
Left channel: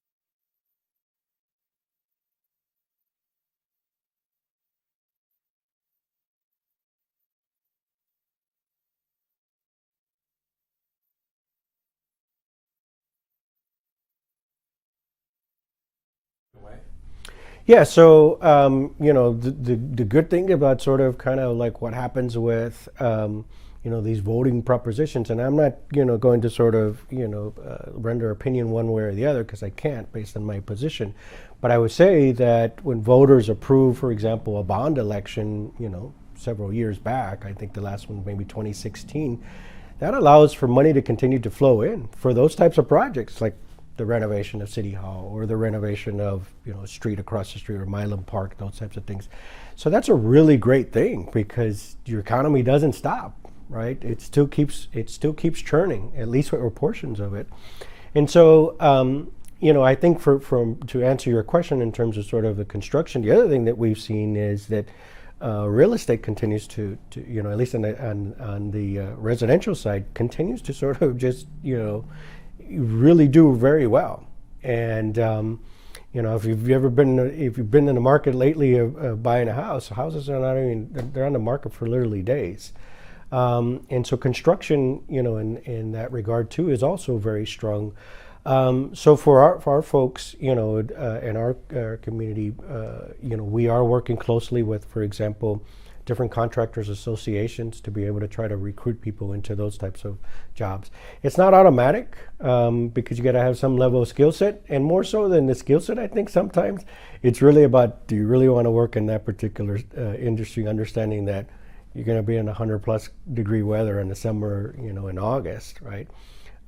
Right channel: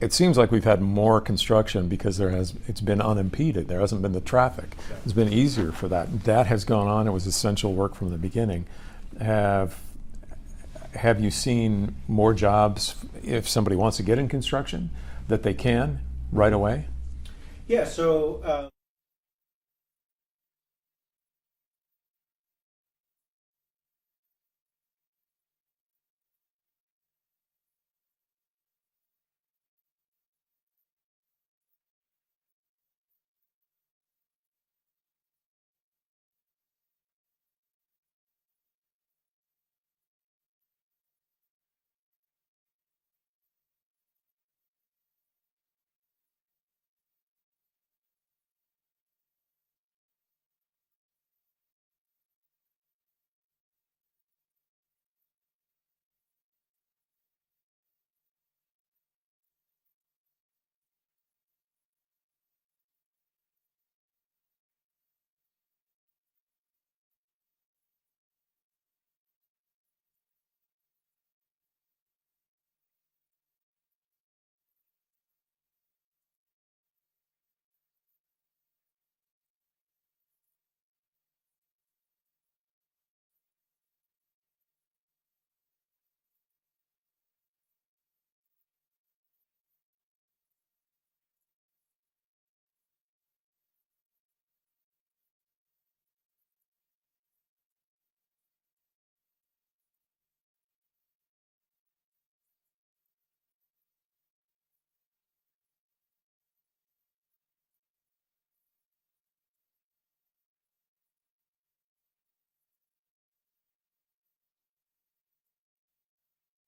It seems like we've had more construction because it's been unimpeded. There hasn't been the traffic. It's been easier for that. That has gone on. It was essential work from the beginning. Have you seen more jobs if somebody wants to get in construction that they can right away? Yeah, so the good thing about sort of kind of like what happens with these voting propositions, and I'm not going to sort of render opinion one way or the other because I can't based on my position, but I would say that when voters approve, for example, a bond election, several years back, I think the last one maybe 2016, that allows for money to continue to flow in for those types of projects, like the renovation of City Hall or the renovation of a street across the street or Milam Park, those types of things. So that's a really great thing because your economy doesn't stop, right? It still keeps churning, at least with portions of it. And so I think to answer your question in terms of sort of the construction, the other thing that we've seen is that real estate continues to at least on the residential side, continues to sort of just really do very well. And if you've been in the market lately of buying a house, houses are they're on the market for literally days. And so construction, in that regard too, is also very strong. So for our folks, in our community, we are working closely with, for example, different contractors associations to be able to try to recruit people into those types of jobs. It's not automatic because you got to have some level of skill set, and more so than the skill set, I think sometimes it's really about, do you really want to work in that particular industry, understanding that you're going to be in 100+ degree weather in the summer, in August, right?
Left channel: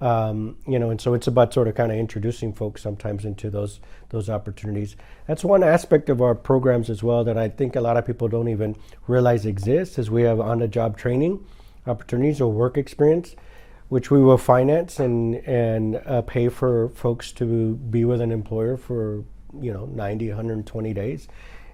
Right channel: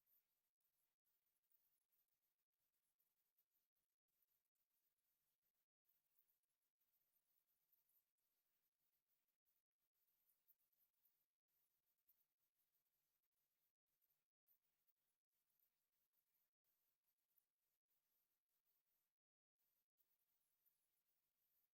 And so it's about sort of kind of introducing folks sometimes into those opportunities. That's one aspect of our programs as well that I think a lot of people don't even realize exists, is we have on-the-job training opportunities or work experience, which we will finance and pay for folks to be with an employer for 90, 120 days.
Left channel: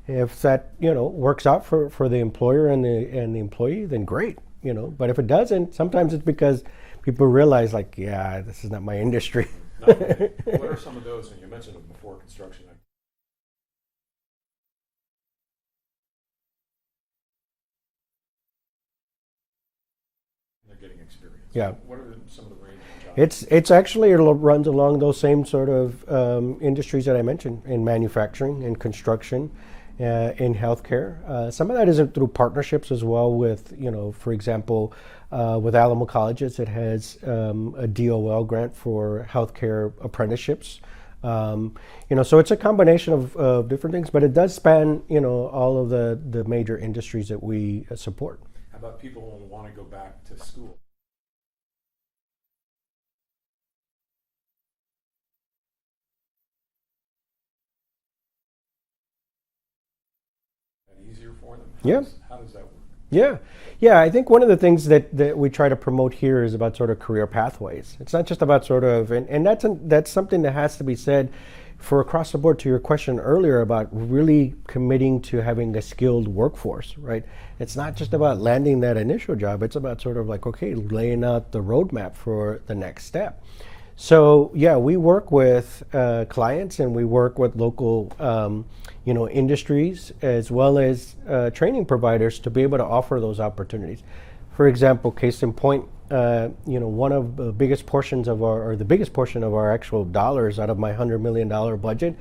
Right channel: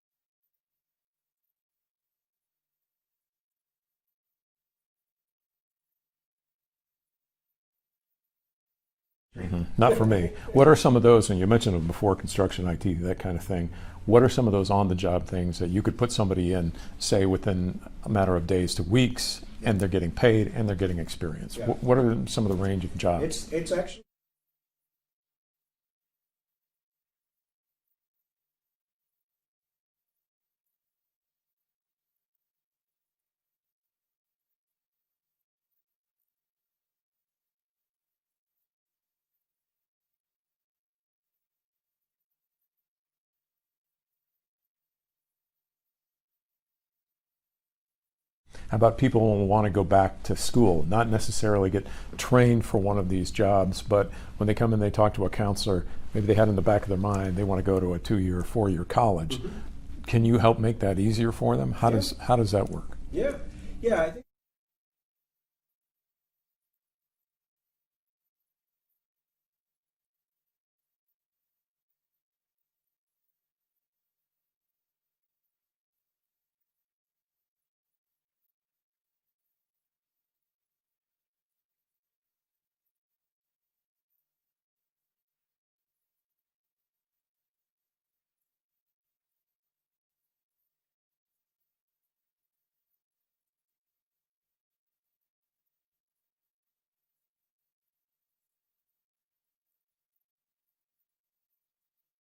If that works out for the employer and the employee, then great. But if it doesn't, sometimes it's because people realize, like, yeah, this is not my industry. Not for me. What are some of those, and you mentioned them before, construction, IT, that kind of thing. What are some of those on-the-job things that you could put somebody in, say, within a matter of days to weeks, and they're getting paid and they're getting experience? Yeah. What are some of the range of jobs? It's actually, it runs along those same sort of industries that I mentioned, in manufacturing, in construction, in healthcare. Some of that is through partnerships as well with, for example, with Alamo Colleges, it has a DOL grant for healthcare apprenticeships. So it's a combination of different things, but it does span, all of the major industries that we support. How about people who want to go back to school, not necessarily get trained for one of these jobs, but when they come in, they talk to a counselor, maybe they had in the back of their mind, they want to go to a 2-year, 4-year college. Mm-hmm. Can you help make that easier for them? How does that work? Yeah, I think one of the things that we try to promote here is about sort of career pathways. It's not just about sort of, and that's something that has to be said for across the board, to your question earlier about really committing to having a skilled workforce, right? It's not just about landing that initial job. It's about sort of like, okay, laying out the roadmap for the next step. So yeah, we work with clients and we work with local industries as well as training providers to be able to offer those opportunities. For example, case in point, one of the biggest portions of the biggest portion of our actual dollars out of my $100 million budget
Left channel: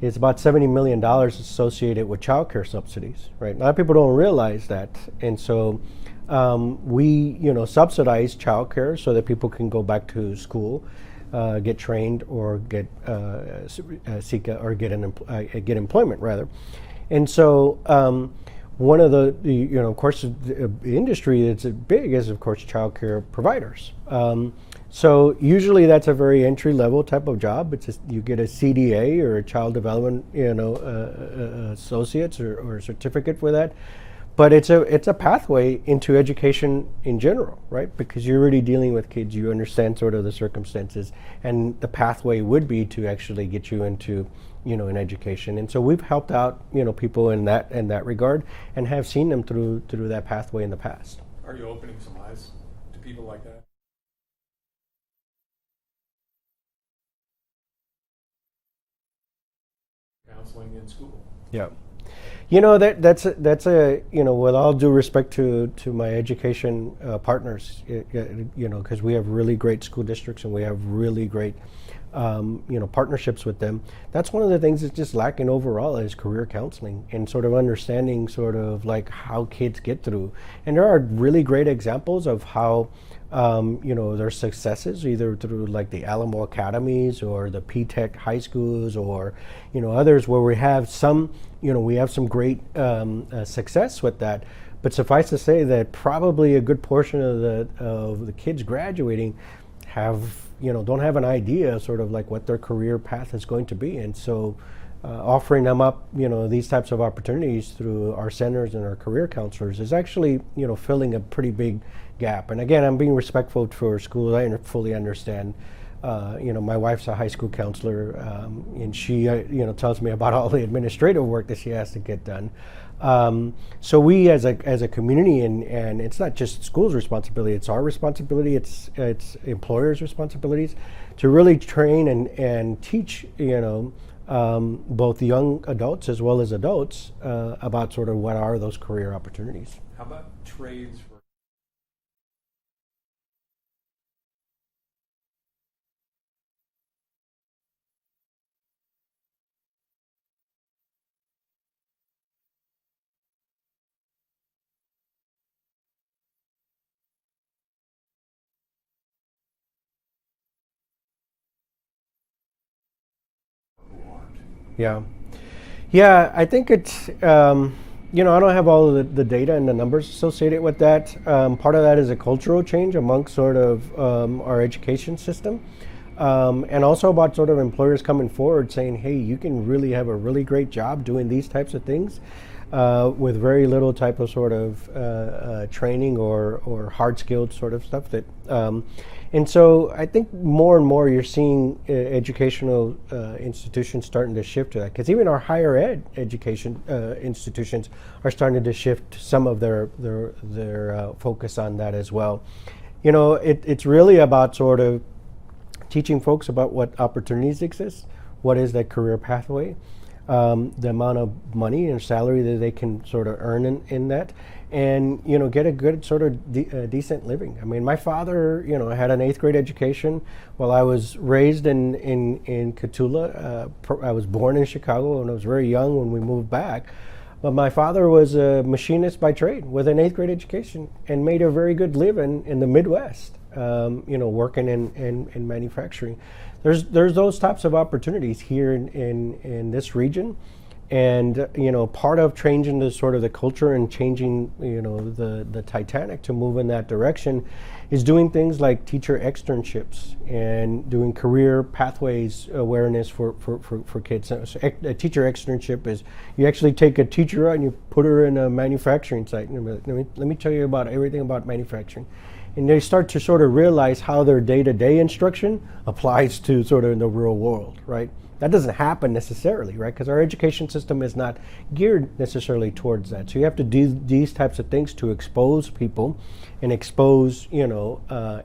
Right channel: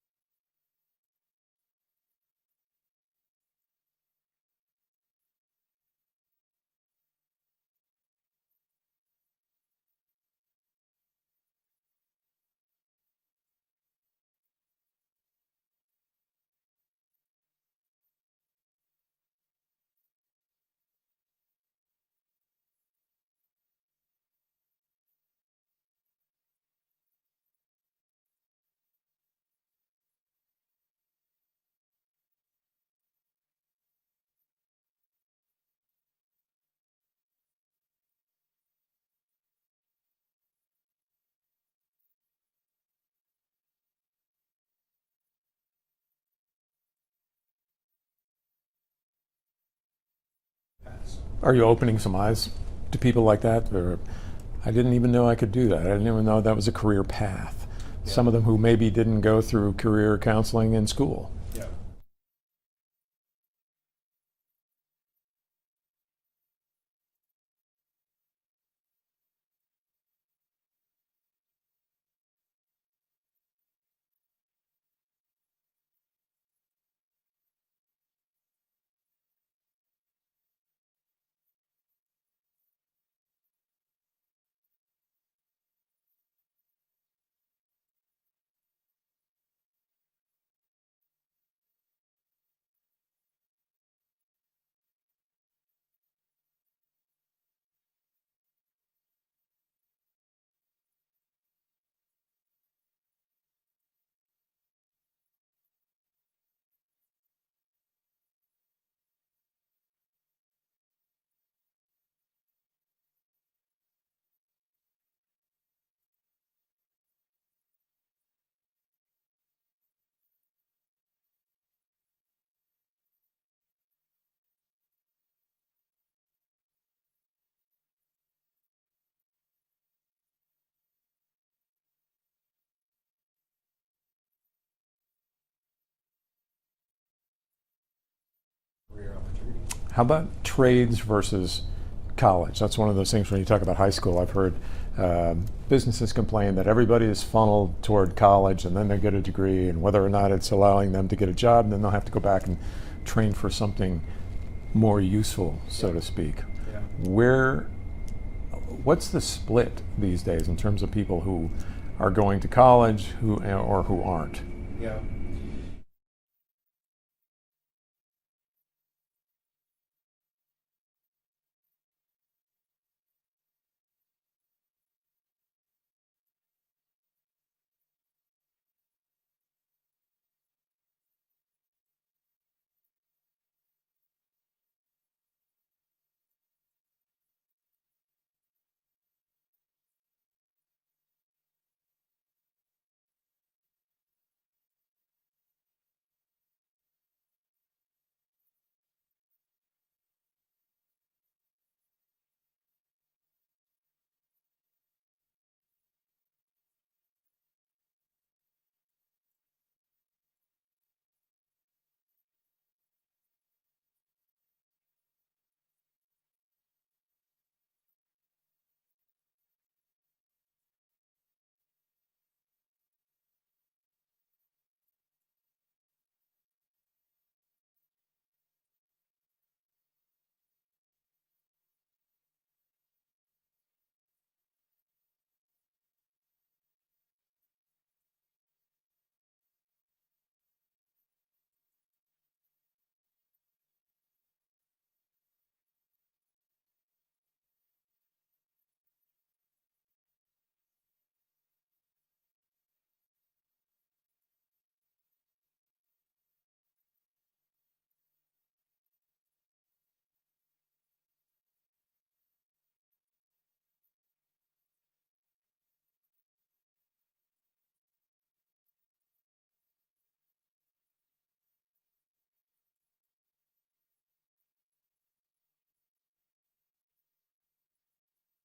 is about $70 million associated with childcare subsidies, right? A lot of people don't realize that. And so we, subsidize childcare so that people can go back to school, get trained, or get get employment rather. And so one of the of course, the industry that's big is, of course, childcare providers. So usually that's a very entry level type of job. It's just, you get a CDA or a child development, associates or a certificate for that. But it's a pathway into education in general, right? Because you're already dealing with kids, you understand sort of the circumstances, and the pathway would be to actually get you into, an education. And so we've helped out, people in that regard, and have seen them through that pathway in the past. Are you opening some eyes to people like that? Or, I didn't even know I could do that. I didn't even know that was a career path. Yeah. Some of them who maybe didn't go through career counseling in school. Yeah. That's with all due respect to my education partners, because we have really great school districts and we have really great, partnerships with them. That's one of the things that's just lacking overall is career counseling and sort of understanding sort of like how kids get through. And there are really great examples of how, their successes either through like the Alamo Academies or the P-Tech high schools or, others where we have some, we have some great success with that. But suffice to say that probably a good portion of the kids graduating don't have an idea sort of like what their career path is going to be. And so offering them up, these types of opportunities through our centers and our career counselors is actually, filling a pretty big gap. And again, I'm being respectful for schools. I fully understand. My wife's a high school counselor, and she, tells me about all the administrative work that she has to get done. So we, as a community, and it's not just schools' responsibility; it's our responsibility. It's employers' responsibilities to really train and teach, both young adults as well as adults about sort of what are those career opportunities. How about trades versus college? That's one of those things when you talk about high school. I've heard businesses complain that everybody is funneled toward college and then they get a degree, and whether or not it's allowing them to get a job, and then they'll have to go back and train for something more useful, so to speak. Yeah. What's the split these days in terms of people who are going to college or who aren't? Yeah, I think it's I don't have all of the data and the numbers associated with that. Part of that is a cultural change amongst sort of our education system. And also about sort of employers coming forward saying, hey, you can really have a really great job doing these types of things with very little type of sort of training or hard-skilled sort of stuff. And so I think more and more you're seeing educational institutions starting to shift to that, because even our higher ed education institutions are starting to shift some of their focus on that as well. It's really about sort of teaching folks about what opportunities exist, what is that career pathway, the amount of money and salary that they can sort of earn in that, and get a good sort of decent living. I mean, my father, had an 8th grade education while I was raised in Cotulla. I was born in Chicago and I was very young when we moved back. But my father was a machinist by trade with an 8th grade education and made a very good living in the Midwest, working in manufacturing. There's those types of opportunities here in this region. And part of changing the sort of the culture and changing the Titanic to move in that direction is doing things like teacher externships and doing career pathways awareness for kids. So a teacher externship is you actually take a teacher out and you put her in a manufacturing site. Let me tell you about everything about manufacturing. And they start to sort of realize how their day-to-day instruction applies to sort of in the real world, right? That doesn't happen necessarily, right? Because our education system is not geared necessarily towards that. So you have to do these types of things to expose people and expose,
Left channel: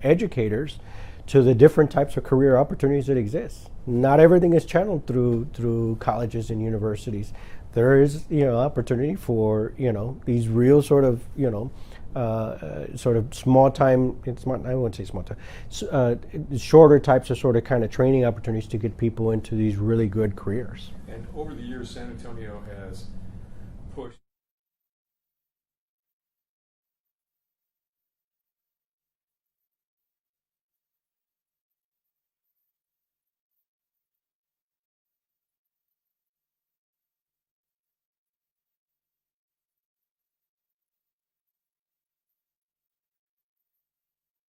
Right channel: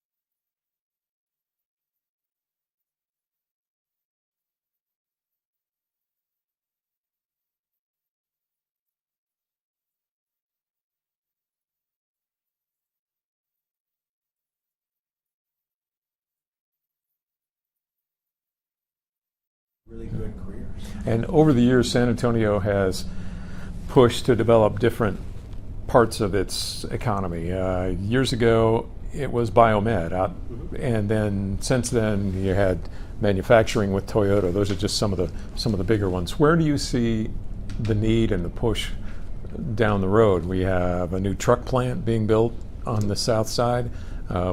educators to the different types of career opportunities that exist. Not everything is channeled through colleges and universities. There is, opportunity for, these real sort of, sort of small time, I wouldn't say small time, shorter types of sort of kind of training opportunities to get people into these really good careers. And over the years, San Antonio has pushed to develop different parts of its economy. Years ago, it was biomed, and then since then you had manufacturing with Toyota. Those are just some of the bigger ones. Where do you see the need and the push down the road? We have a new truck plant being built on the south side.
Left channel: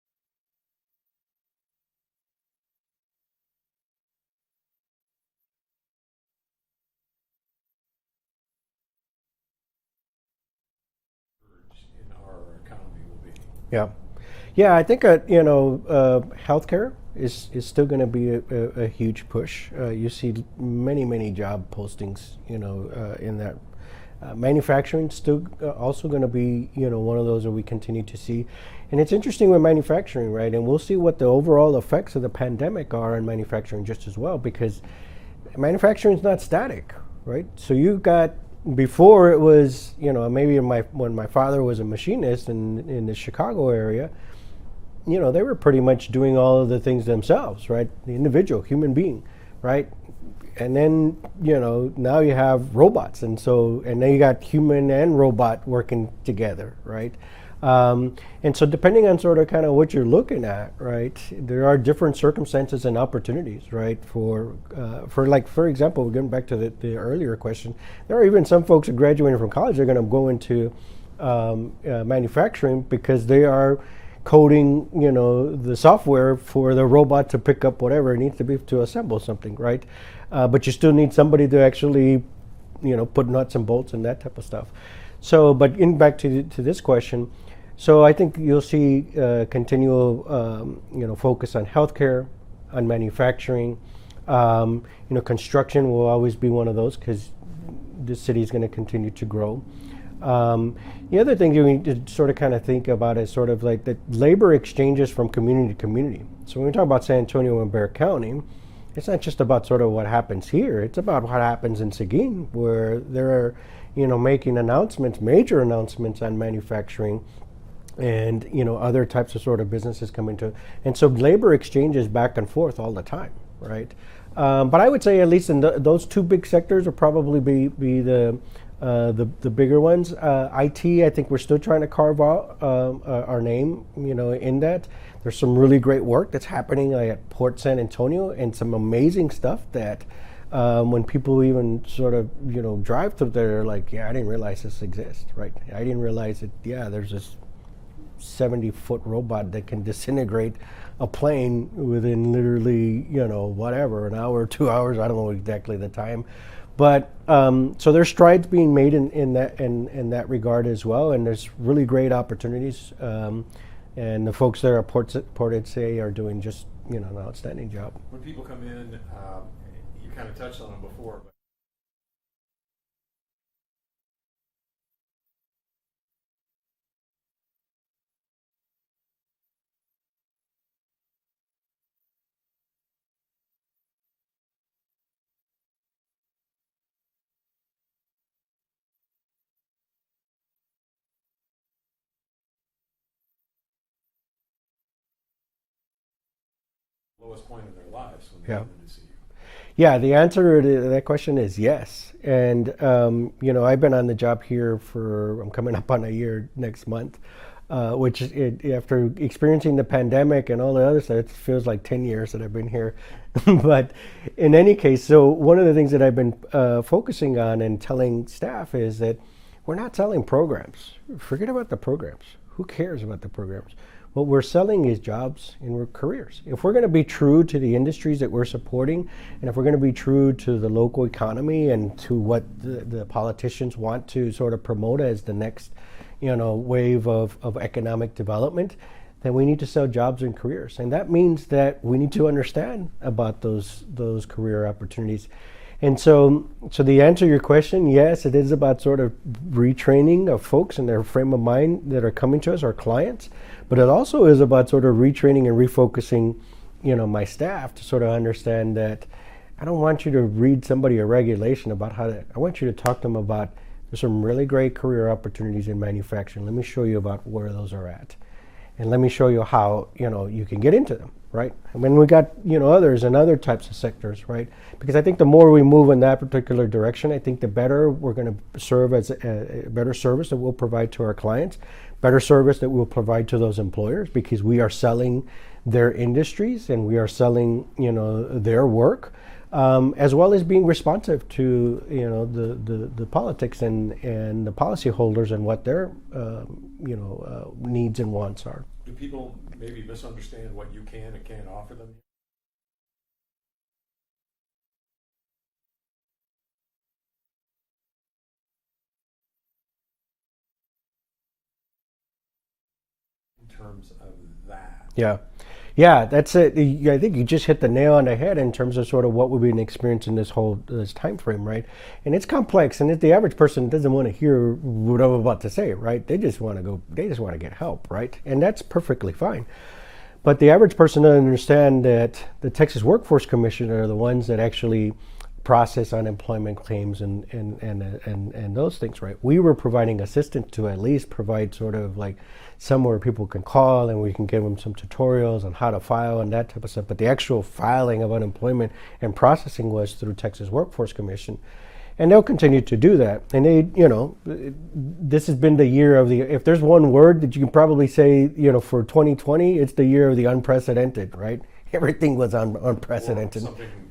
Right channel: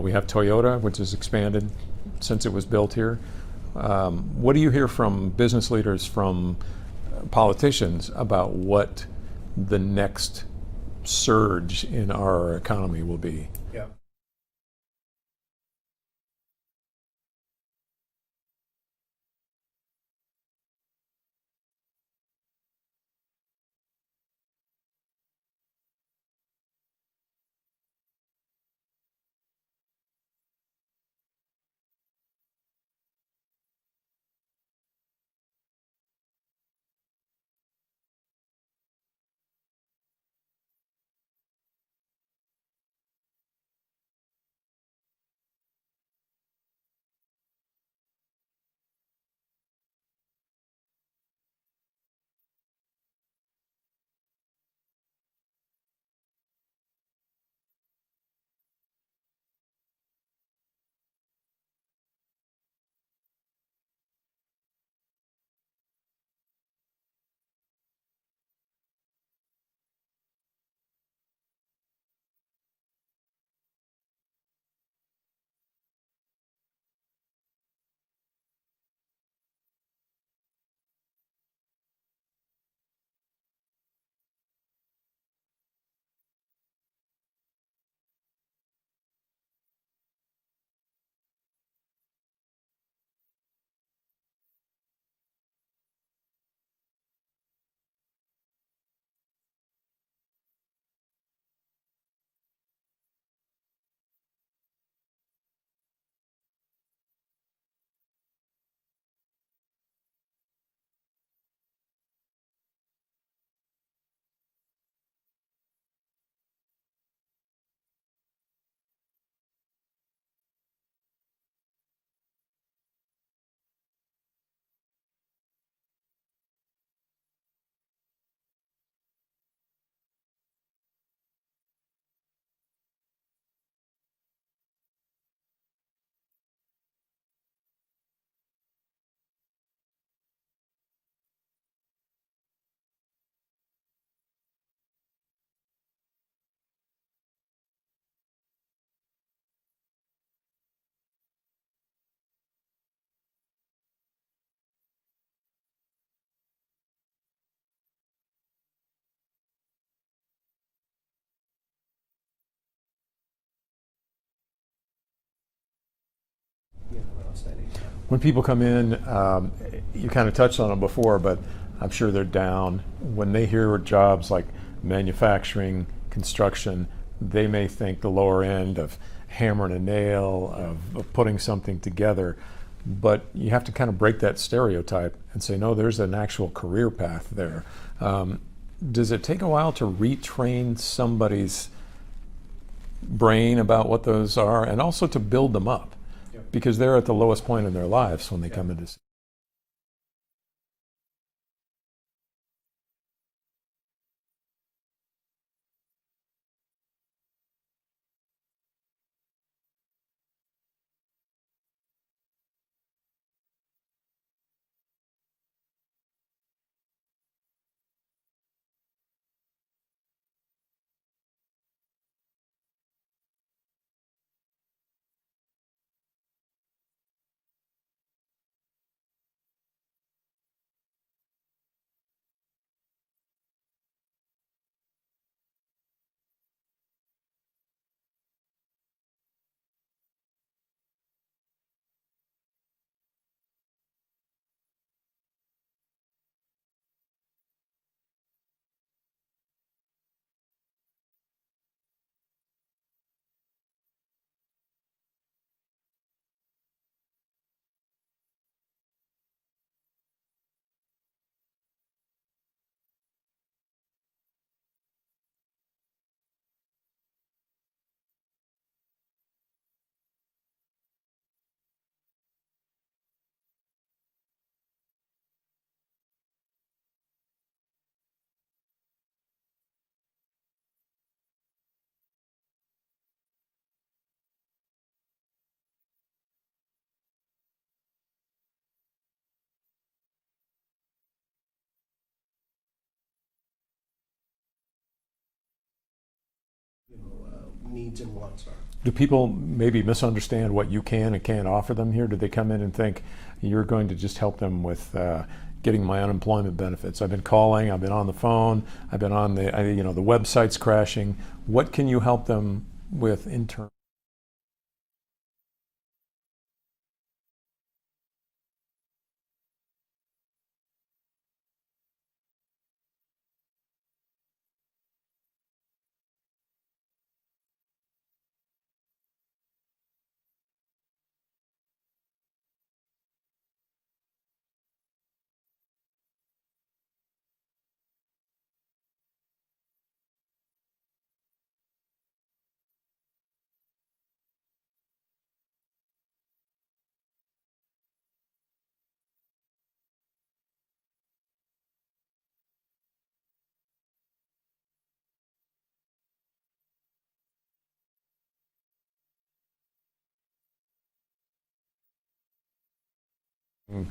We have Toyota, which has expanded since it was built here. What do you hear from business leaders, from politicians, about what the next surge in our economy will be? Yeah, I think healthcare is still going to be a huge push. You see many job postings, in that. Manufacturing still also going to be, one of those that we continue to see. And it's interesting with manufacturing, right? And we'll see what the overall effects of the pandemic are in manufacturing just as well, because manufacturing is not static, right? So you got, before it was, maybe when my father was a machinist in the Chicago area, they were pretty much doing all of the things themselves, right? The individual, human being, right? And then, now you have robots. And then you got human and robot working together, right? And so depending on sort of kind of what you're looking at, right, there are different circumstances and opportunities, right, for example, getting back to the earlier question, there are even some folks who graduating from college are going to go into manufacturing because they are coding, the software for the robot to pick up whatever it needs to be to assemble something, right? But you still need somebody to actually, put nuts and bolts and that type of stuff. So, but back to this question, so I think you'll see continual, focus on healthcare, on manufacturing. Construction will always be one of those because the city is going to continue to grow. The other thing you need to sort of kind of think about is sort of like the labor exchanges from community to community. So when we talk about San Antonio and Bexar County, it's not just about sort of what happens here. It's about what happens in Seguin, where they're, making announcements, major announcements on manufacturing and, other types of sort of businesses coming to. And so labor exchanges back and forth all the time, right? But I would say at least in those two big sectors will probably be the bigger ones. IT, I think we're still trying to carve out our name, in that. There's some really great work that's happening at Port San Antonio and some amazing stuff that When people even sort of, drive through there, they're like, yeah, I didn't realize this exists, right? I didn't realize that, yeah, there's this 70-foot robot that can disintegrate a plane within literally, whatever, an hour, 2 hours, I don't know exactly the time. But so there's strides being made in that regard as well, and there's really great opportunities. And the folks there at Port say are doing just an outstanding job. When people come in, you kind of touched on it before, but I'm sure they're down. When they hear jobs like manufacturing, construction, they may think the lower end of hammering a nail, of putting something together. But you have to kind of break that stereotype and say, no, there's an actual career path there. Does it take a while to retrain somebody's brain about what those are, and also to build them up? Because they're at the lowest point in their lives when they come in to see you. Yeah, the answer to that question is yes. And, I've been on the job here I'm coming up on a year next month, which after experiencing the pandemic and all the other stuff, it feels like 10 years that I've been here. But in any case, so one of the things that I've been focusing on and telling staff is that we're not selling programs. Forget about the programs. Who cares about the programs? What we're selling is jobs and careers. If we're going to be true to the industries that we're supporting, and if we're going to be true to the local economy and to what the politicians want to sort of promote as the next, wave of economic development, then we need to sell jobs and careers. And that means that we need to understand about those career opportunities. And so the answer to your question, yes, it is about sort of retraining of folks in their frame of mind that are coming to us, our clients, but it also is about sort of retraining and refocusing, my staff to sort of understand that I don't want you to read somebody a regulation about I want you to talk to them about there's some really great career opportunities in manufacturing. Let me show you about where those are at. And let me show you how, you can get into them, right? And then we got, others and other types of sectors, right? Because I think the more we move in that particular direction, I think the better we're going to serve as a better service that we'll provide to our clients, better service that we'll provide to those employers, because we are selling their industries and we are selling, their work, as well as being responsive to, the politics and the policyholders and what their needs and wants are. Do people maybe misunderstand what you can and can't offer them here? Do they come in and think you're going to just help them with getting my unemployment benefits? I've been calling, I've been on the phone, I've been on the website's crashing. What can you help them with in terms of that? Yeah, that's it. I think you just hit the nail on the head in terms of sort of what we've been experiencing this time frame, right? And it's complex, and the average person doesn't want to hear what I'm about to say, right? They just want to get help, right? And that's perfectly fine. But the average person doesn't understand that the Texas Workforce Commission are the ones that actually process unemployment claims and those things, right? We were providing assistance to at least provide sort of like somewhere people can call and we can give them some tutorials on how to file and that type of stuff. But the actual filing of unemployment and processing was through Texas Workforce Commission. And they'll continue to do that. And they, this has been the year of if there's one word that you can probably say, for 2020, it's the year of the unprecedented, right? Everything was unprecedented. Something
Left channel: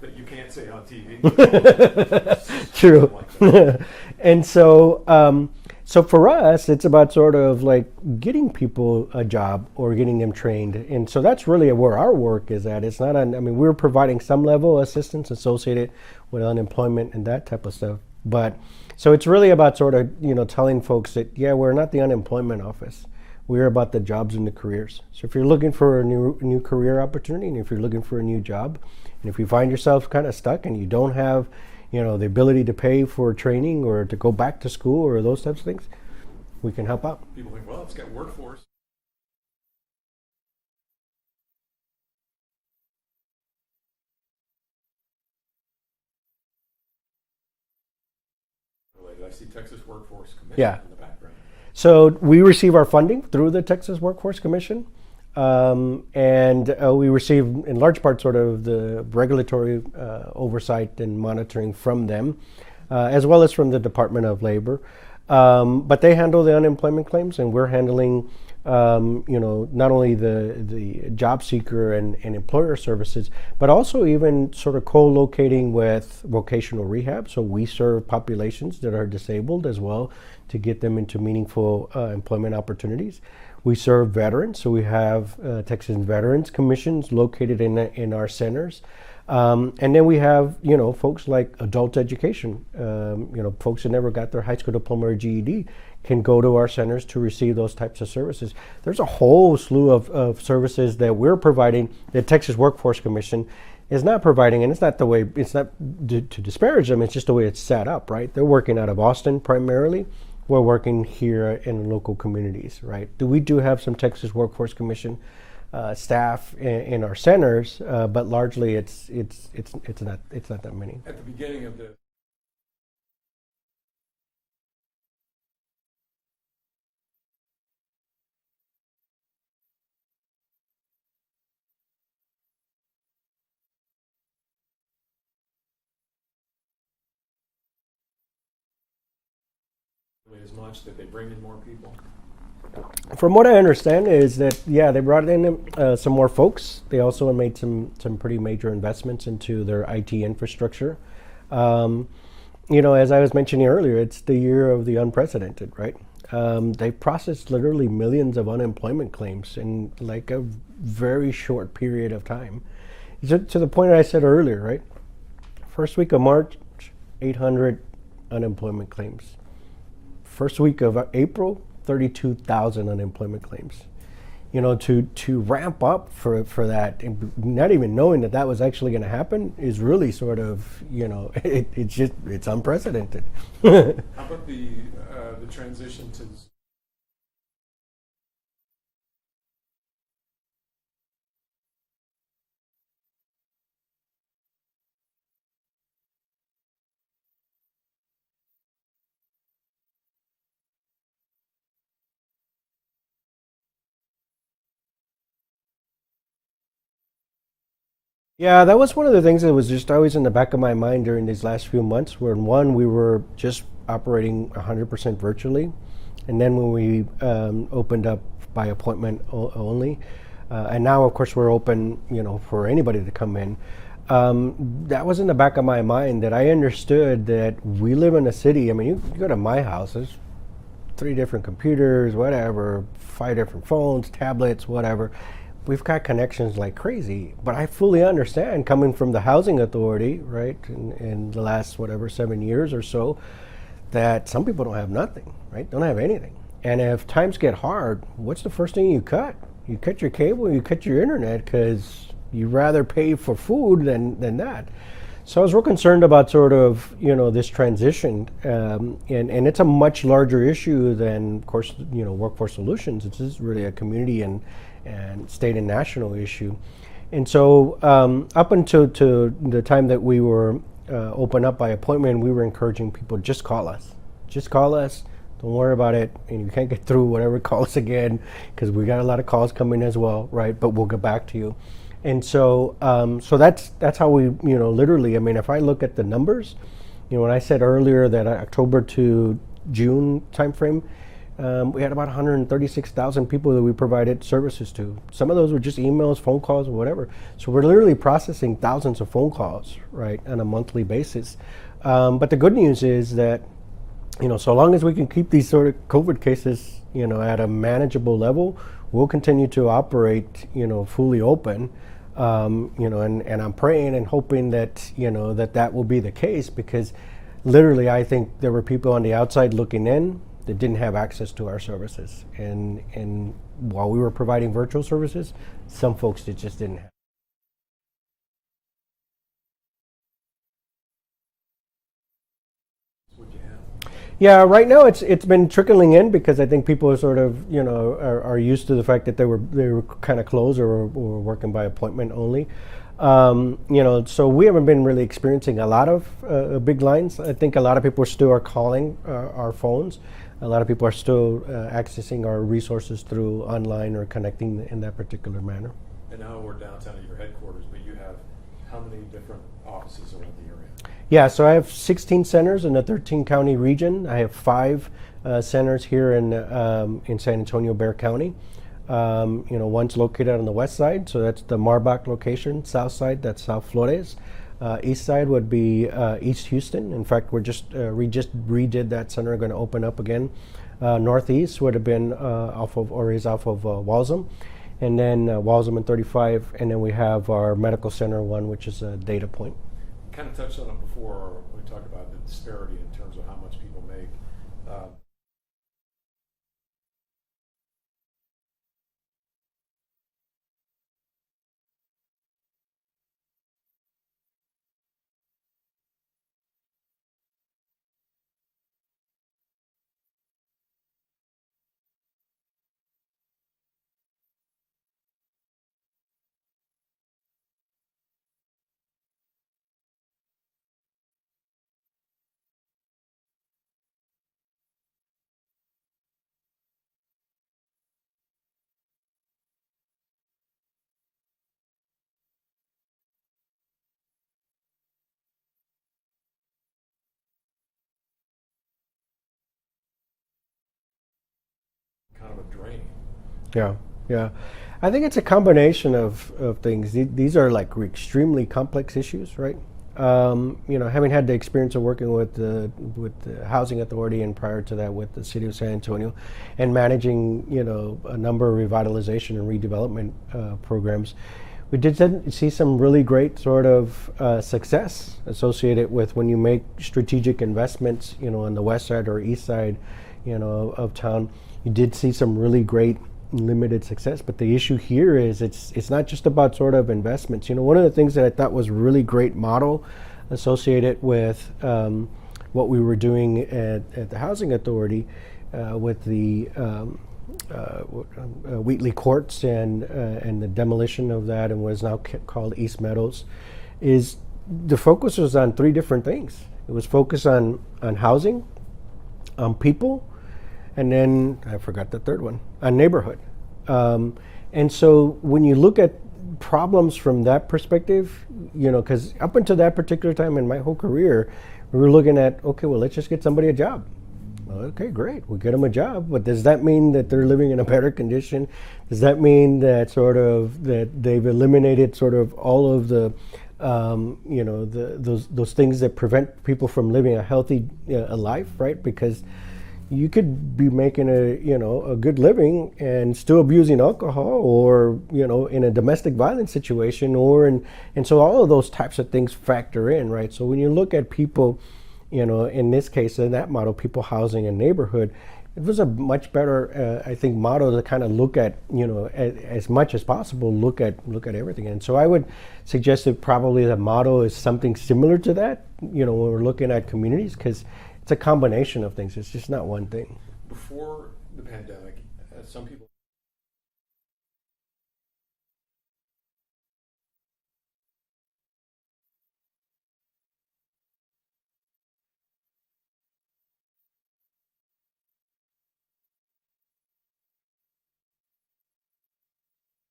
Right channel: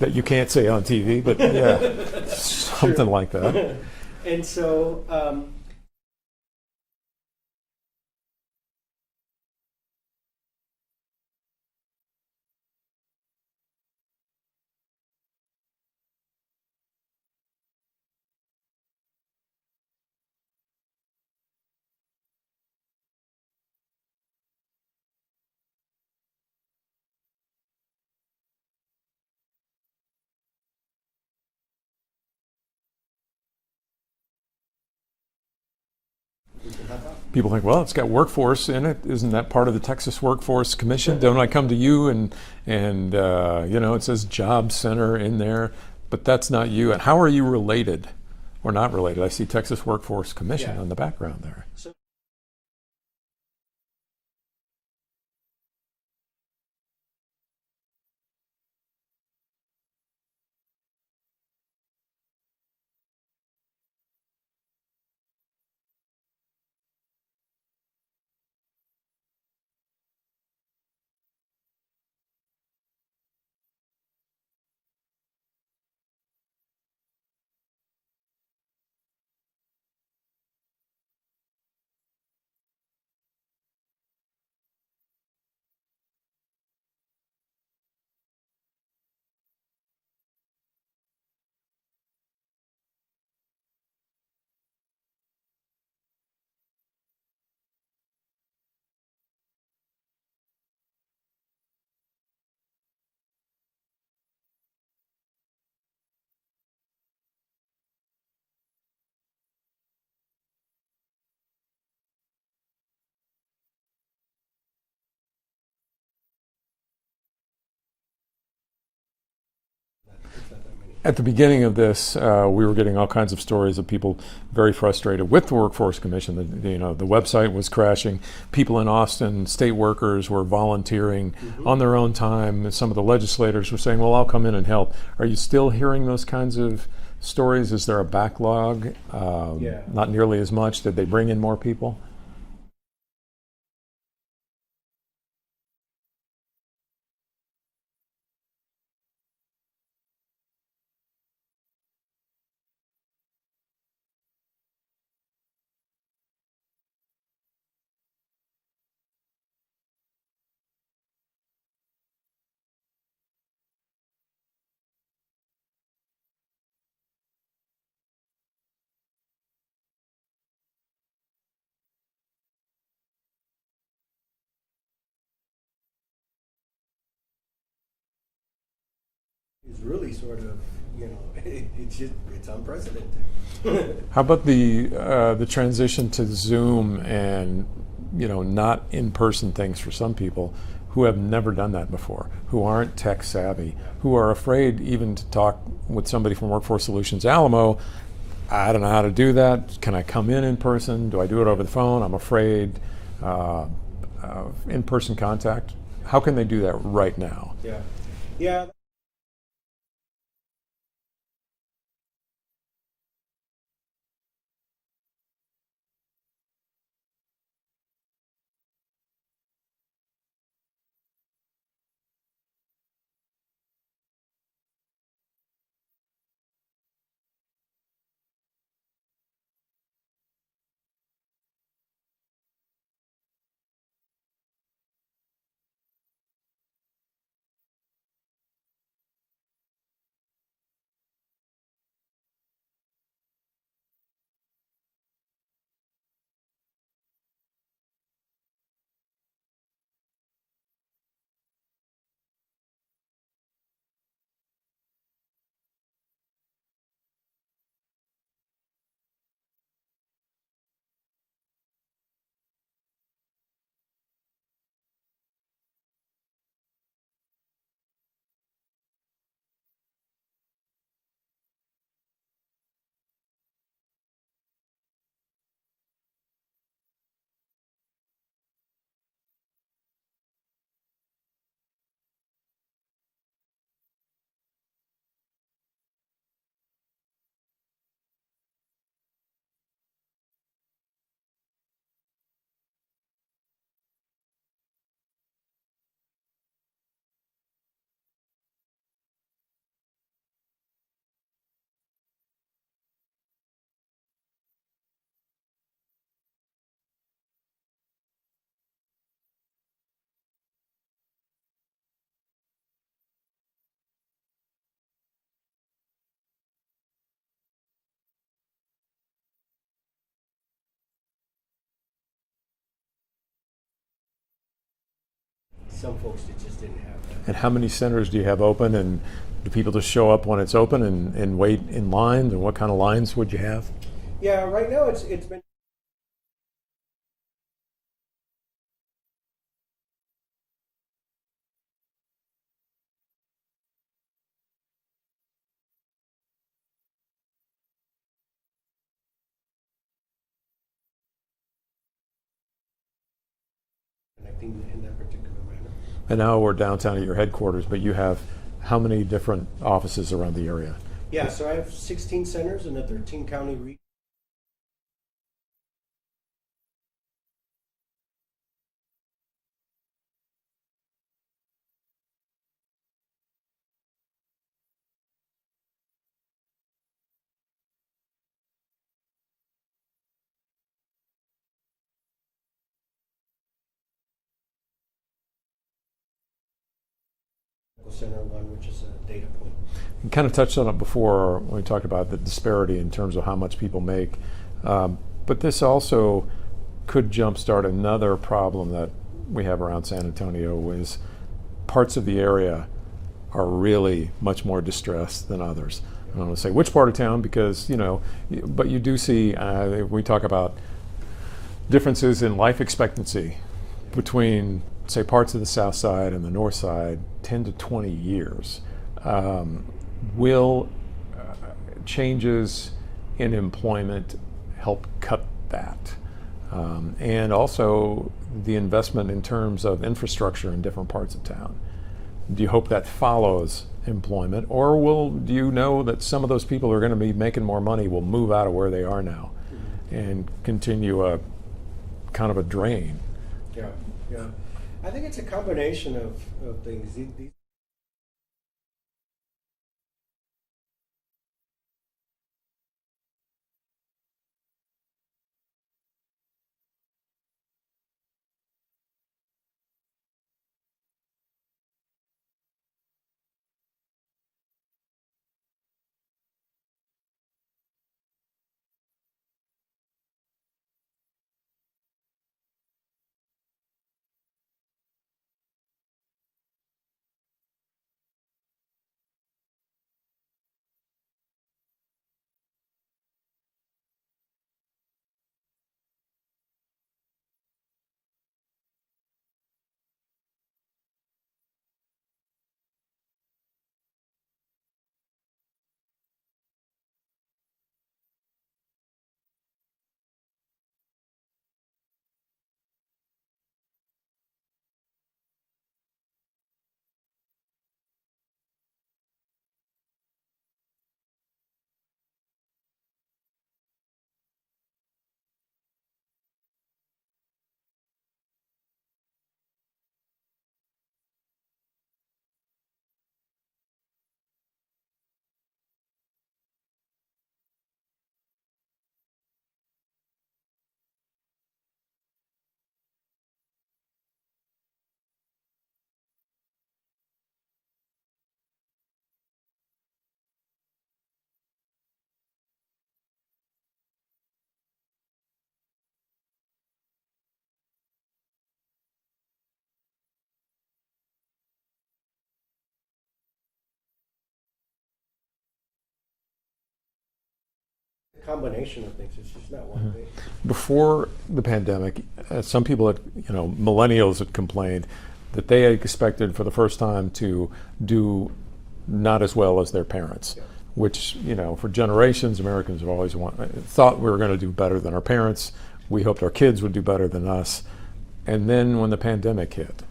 that you can't say on TV, but something like that. And so, so for us, it's about sort of like getting people a job or getting them trained. And so that's really where our work is at. It's not we're providing some level of assistance associated with unemployment and that type of stuff. But so it's really about sort of, telling folks that, yeah, we're not the unemployment office. We're about the jobs and the careers. So if you're looking for a new career opportunity, and if you're looking for a new job, and if you find yourself kind of stuck and you don't have, the ability to pay for training or to go back to school or those types of things, we can help out. People think, well, it's got workforce in it. Isn't that part of the Texas Workforce Commission? Don't I come to you and it says Job Center in there, but that's not you. And how are you related or not related? I see Texas Workforce Commission in the background there. So we receive our funding through the Texas Workforce Commission. And we receive, in large part, sort of the regulatory oversight and monitoring from them, as well as from the Department of Labor. But they handle the unemployment claims, and we're handling not only the job seeker and employer services, but also even sort of co-locating with vocational rehab. So we serve populations that are disabled as well to get them into meaningful employment opportunities. We serve veterans, so we have Texas Veterans Commissions located in our centers. And then we have, folks like adult education, folks that never got their high school diploma or GED can go to our centers to receive those types of services. There's a whole slew of services that we're providing that Texas Workforce Commission is not providing, and it's not to disparage them, it's just the way it's set up, right? They're working out of Austin primarily. We're working here in local communities, right? We do have some Texas Workforce Commission staff in our centers, but largely it's not that many. At the beginning of this, we were getting all kinds of stories of people very frustrated with the Workforce Commission. The website was crashing. People in Austin, state workers, were volunteering on their own time. Some of the legislators were saying, "Well, I'll come in and help." Are you still hearing those kinds of stories? Is there a backlog? Not nearly as much. Did they bring in more people? From what I understand is that, they brought in some more folks. They also made some pretty major investments into their IT infrastructure. As I was mentioning earlier, it's the year of the unprecedented, right? They processed literally millions of unemployment claims in like a very short period of time. To the point I said earlier, right? First week of March, 800 unemployment claims. First week of April, 32,000 unemployment claims. To ramp up for that, and not even knowing that was actually going to happen, is really sort of, it's unprecedented. How about the transition to Zoom and not in-person things for some people who have never done that before, who aren't tech savvy, who are afraid even to talk with somebody from Workforce Solutions Alamo? I don't know how to do that. Can I come in person? Do I do it over the phone? I'm afraid. In-person contact. How can they do that right now? Yeah, that was one of the things that was just always in the back of my mind during these last few months, where one, we were just operating 100% virtually. And then when we opened up by appointment only, and now of course we're open, for anybody to come in. That was in the back of my mind, that I understood that we live in a city. I mean, you go to my house, there's 3 different computers, whatever, 5 different phones, tablets, whatever. We've got connections like crazy, but I fully understand, coming from the housing authority, right, in the last, 7 years or so, that some people don't have nothing, right, don't have anything. And if times get hard, what's the first thing you cut? You cut your cable, you cut your internet, because you'd rather pay for food than that. So I was real concerned about sort of, this transition, and it's a much larger issue than, of course, Workforce Solutions. It's just really a community and state and national issue. And so up until the time that we were open up by appointment, we were encouraging people, just call us. Just call us. Don't worry about it. And you can't get through, whatever, call us again, because we got a lot of calls coming as well, right? But we'll get back to you. And so, that's how we, literally. I mean, if I look at the numbers, when I said earlier that October to June timeframe, we had about 136,000 people that we provided services to. Some of those were just emails, phone calls, or whatever. So we're literally processing thousands of phone calls, right, on a monthly basis. But the good news is that, so long as we can keep these sort of COVID cases, at a manageable level, we'll continue to operate, fully open. And I'm praying and hoping that, that will be the case, because literally I think there were people on the outside looking in that didn't have access to our services. And while we were providing virtual services, some folks that just didn't have. And how many centers do you have open, and do people just show up when it's open and wait in lines, and what kind of lines would you have? Yeah, right now it's been trickling in, because I think people are sort of, are used to the fact that they were kind of closed or working by appointment only. So we haven't been really experiencing a lot of big lines. I think a lot of people still are calling our phones. A lot of people are still accessing our resources through online or connecting in that particular manner. And now we're downtown at your headquarters, but you have how many different offices around the area? Yeah, so I have 16 centers in a 13-county region. I have 5 centers here in San Antonio, Bexar County. One's located on the west side, so that's the Marbach location. South side, that's South Flores. East side would be East Houston. In fact, we just redid that center, going to open up again. Northeast would have been is off of Walsham, and then Walsham and 35, and then we have our medical center one, which is a Data Point. You kind of touched on it before when we talked about the disparity in terms of how much people make, but this also could jumpstart another problem that we have around San Antonio, is parts of the area are really much more distressed than others. I don't want to say which part of town, because, but you do see, we talk about differences in life expectancy between, say, parts of the south side and the north side, 10 to 20 years. Will changes in employment help cut that? And also the investment in terms of infrastructure in different parts of town. Do you hope that follows employment, or do you know that some of those people who are going to be making more money will move out of where they are now and continue a kind of a drain? Yeah. I think it's a combination of things. These are like extremely complex issues, right? Having had the experience of working with the Housing Authority, and prior to that with the City of San Antonio, and managing a number of revitalization and redevelopment programs, we did see some really great sort of success associated with when you make strategic investments, on the west side or east side, of town. You did see some really great limited success, but the issue here is it's not just about sort of investments. One of the things that I thought was really great model associated with what we were doing at the Housing Authority with the Wheatley Courts and the demolition of that, and what is now called East Meadows, is the focus was on three different things. It was focused on housing, on people, and then I forgot the third one, on neighborhood. And so when you look at problems from that perspective, because up until that particular time in my whole career, we were looking at, okay, well, let's just get somebody a job. Okay, great, we'll get them a job, but does that mean that they're living in a better condition? Does that mean that that they've eliminated sort of all of the those things that prevent people from living a healthy life, right? Because you could be making a good living and still abusing alcohol, or in a domestic violence situation, and so all of those types of things factor in, right? So when you look at people, in this case, in that model, people, housing, and neighborhood, it was a much better, I think, model to kind of look at, as much as possible, look at everything. And so I would suggest that probably the model is something similar to that, when we're looking at communities, because it's a combination of things. It's just not one thing. Before the pandemic, some people had, millennials had complained that they had expected for the first time to do not as well as their parents. Yeah. Which, for generations, Americans have always thought we were going to do better than our parents. We hoped our kids would do better than us. And then when the pandemic hit,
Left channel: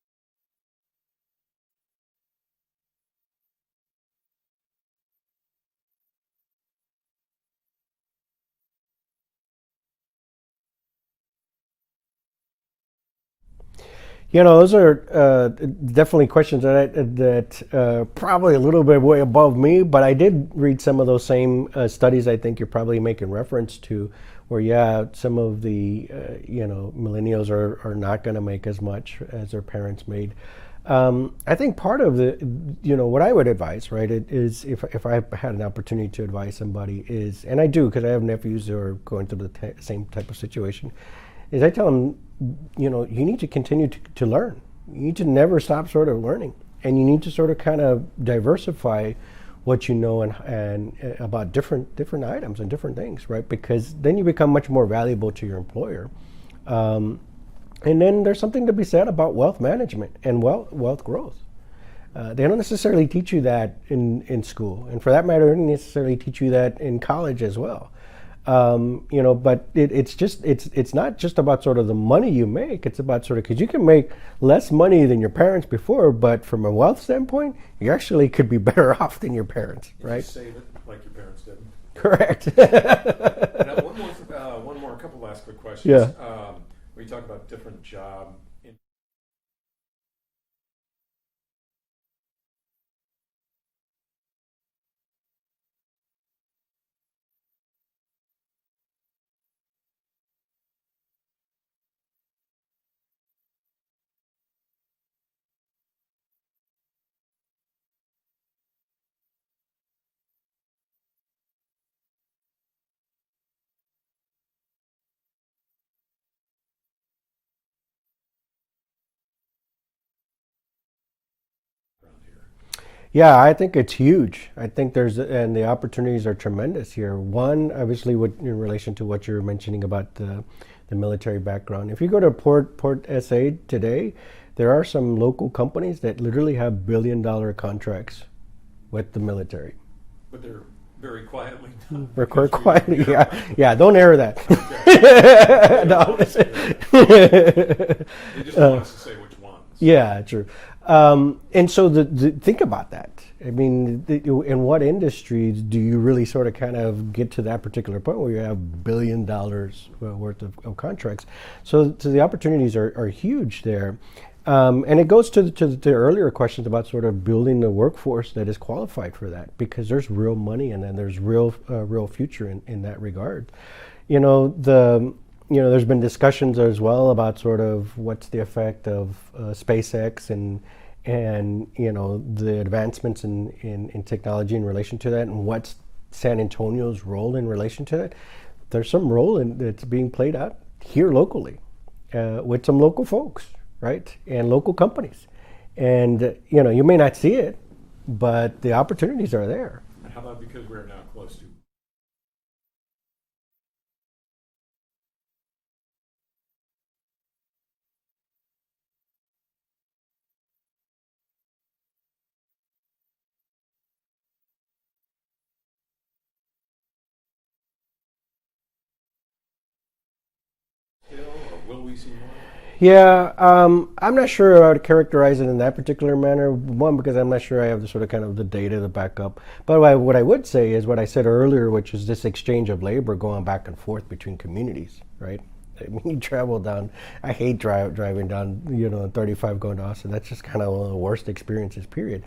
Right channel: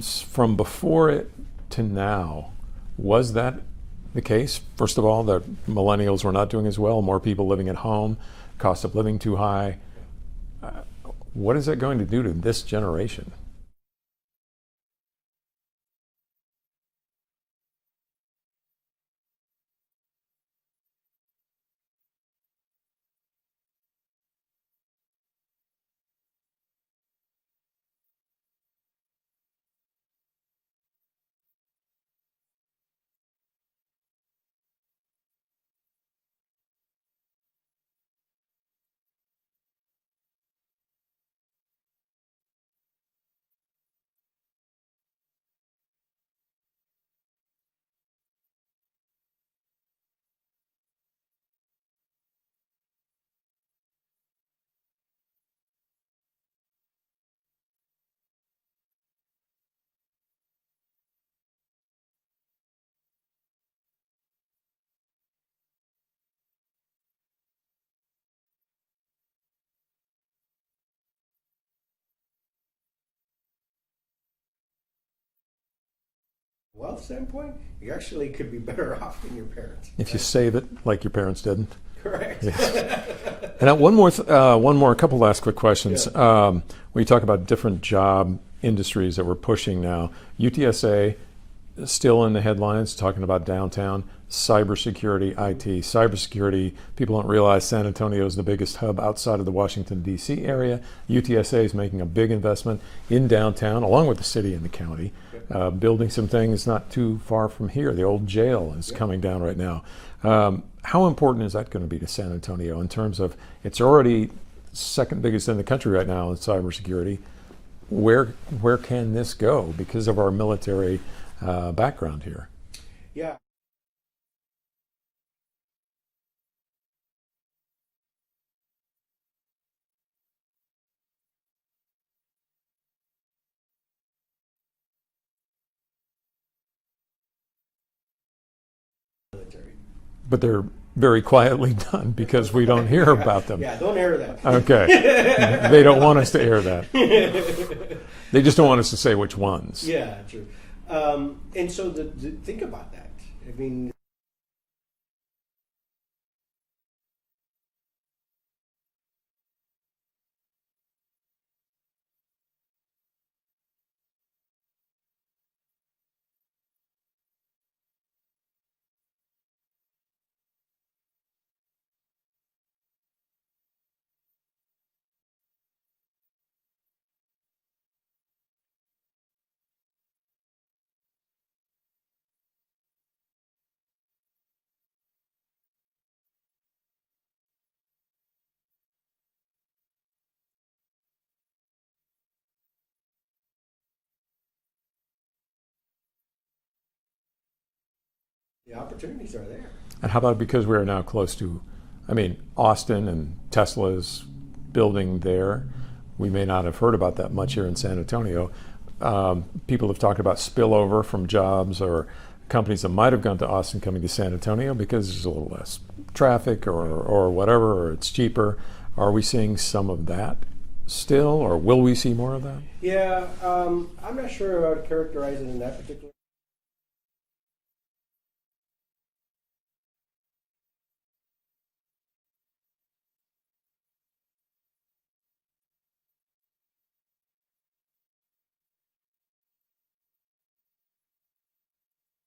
from before it to now, was that the case? First of all, the millennials were not doing as well, more people living at home, cost of living too high. What is that going to do to this generation? Those are definitely questions that probably a little bit way above me, but I did read some of those same studies I think you're probably making reference to, where, some of the, millennials are not going to make as much as their parents made. I think part of the, what I would advise, right, is if I had an opportunity to advise somebody is, and I do because I have nephews who are going through the same type of situation, is I tell them, you need to continue to learn. You need to never stop sort of learning, and you need to sort of kind of diversify what you know and about different items and different things, right? Because then you become much more valuable to your employer. And then there's something to be said about wealth management and wealth growth. They don't necessarily teach you that in school, and for that matter, they don't necessarily teach you that in college as well. But it's not just about sort of the money you make. It's about sort of, because you can make less money than your parents before, but from a wealth standpoint, you actually could be better off than your parents. If right? you save it like your parents didn't. Correct. And one more, a couple last quick questions. When you talk about different job industries that we're pushing now, UTSA is still in the headlines, talking about downtown, cybersecurity, IT. Cybersecurity, people don't realize San Antonio is the biggest hub outside of the Washington, D.C. area. UTSA is making a big investment in downtown, along with the city and the county, building some things not too far from here. The old jail is coming down right now. How important is that going to be to San Antonio in terms of, it's already second biggest in the country right now in cybersecurity. Where can this go because of our military background here? Yeah, I think it's huge. I think and the opportunities are tremendous here. One, obviously, in relation to what you're mentioning about the military background. If you go to Port SA today, there are some local companies that literally have billion-dollar contracts with the military. But they're very quietly done because we don't hear about them. Yeah, don't air that. Okay. They don't want us to air that. They just don't want us to say which ones. Yeah, true. And so think about that. I mean, in what industries do you really sort of kind of get to that particular point where you have $1 billion worth of contracts? So the opportunities are huge there. And it goes to the earlier questions about sort of building the workforce that is qualified for that, because there's real money and then there's real future in that regard. There's been discussions as well about sort of what's the effect of SpaceX and the advancements in technology in relation to that, and what's San Antonio's role in relation to that. There's some role that's being played out here locally with some local folks, right, and local companies. And you may not see it, but the opportunities are there. And how about because we're now close to, Austin and Tesla's building there. We may not have heard about that much here in San Antonio. People have talked about spillover from jobs or companies that might have gone to Austin coming to San Antonio because there's a little less traffic or whatever, or it's cheaper. Are we seeing some of that still, or will we see more of that? Yeah, I'm not sure I would characterize it in that particular manner. One, because I'm not sure I have the sort of kind of the data to back up. But what I would say is what I said earlier, which is this exchange of labor going back and forth between communities, right? You travel down, I hate driving down, 35 going to Austin. That's just kind of one of the worst experiences, period.